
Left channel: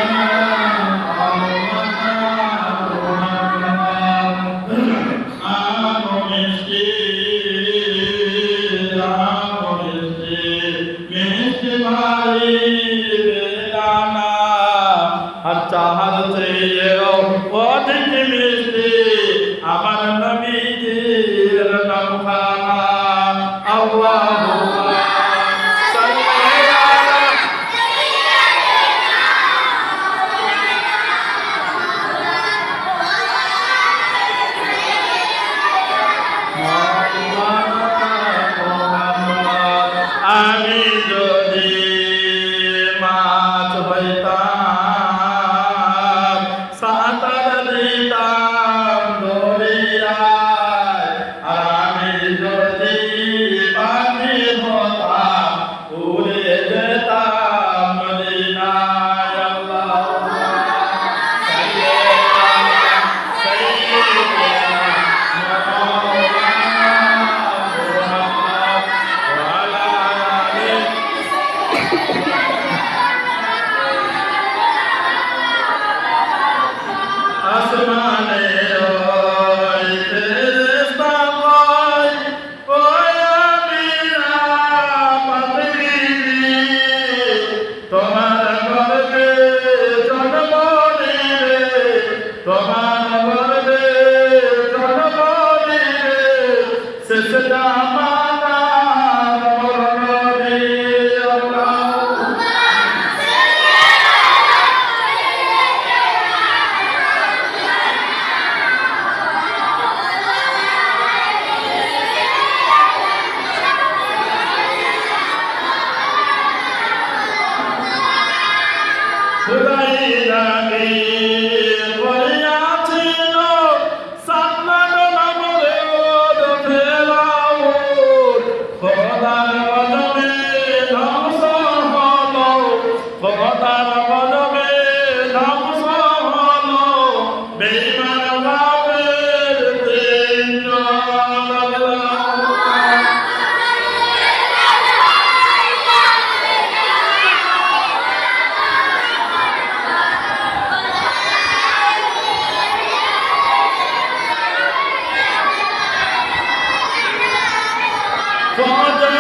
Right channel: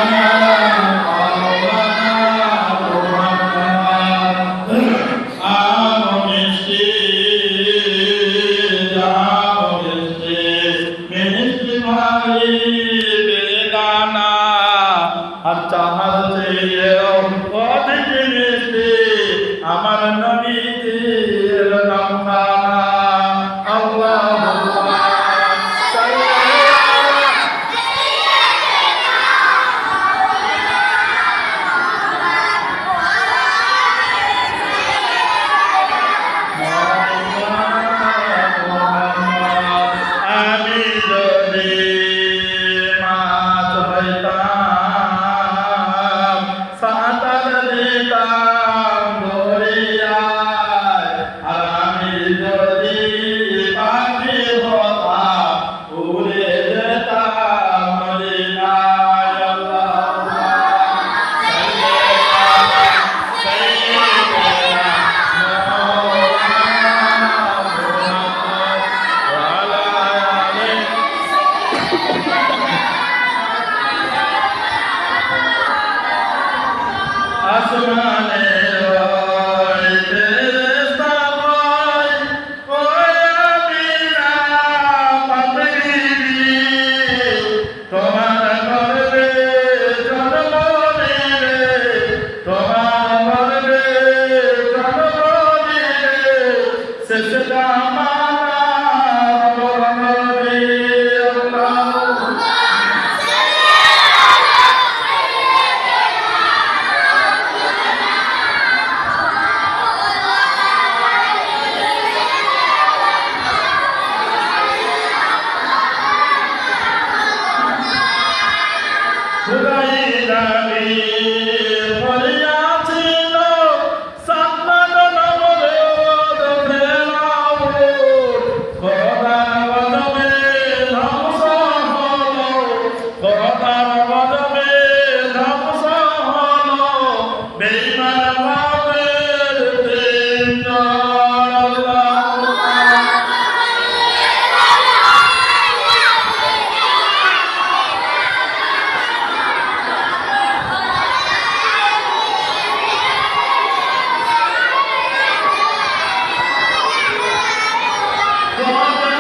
আমার নবীর নাম খানা। আল্লাহুম্মা সাল্লি আলা মুহাম্মদ। আমি যদি মাছ হইতাম সাঁতার দিতাম দরিয়ায়, আর আমি যদি পাখি হতাম উড়ে যেতাম মদিনায়। আল্লাহুম্মা সাল্লি আলা সাইয়্যিদিনা মাওলানা মুহাম্মদ ওয়া আলা আলি আসমানে ওই ফেরেশতা কয়, ওই আমিনা পাতগিরি, তোমার গর্ভে জন্ম নিবে, তোমার গর্ভে জন্ম নিবে শেষ জামানার বড় নবী। আল্লাহুম্মা খুদাই নবী করিয়াছিল সান্নাত নামরে ওদ ফেরাউন, খোদার গজবে ধ্বংস হলো, খোদার গজবে ধ্বংস হলো বেঈমান কাফের তিনজন। God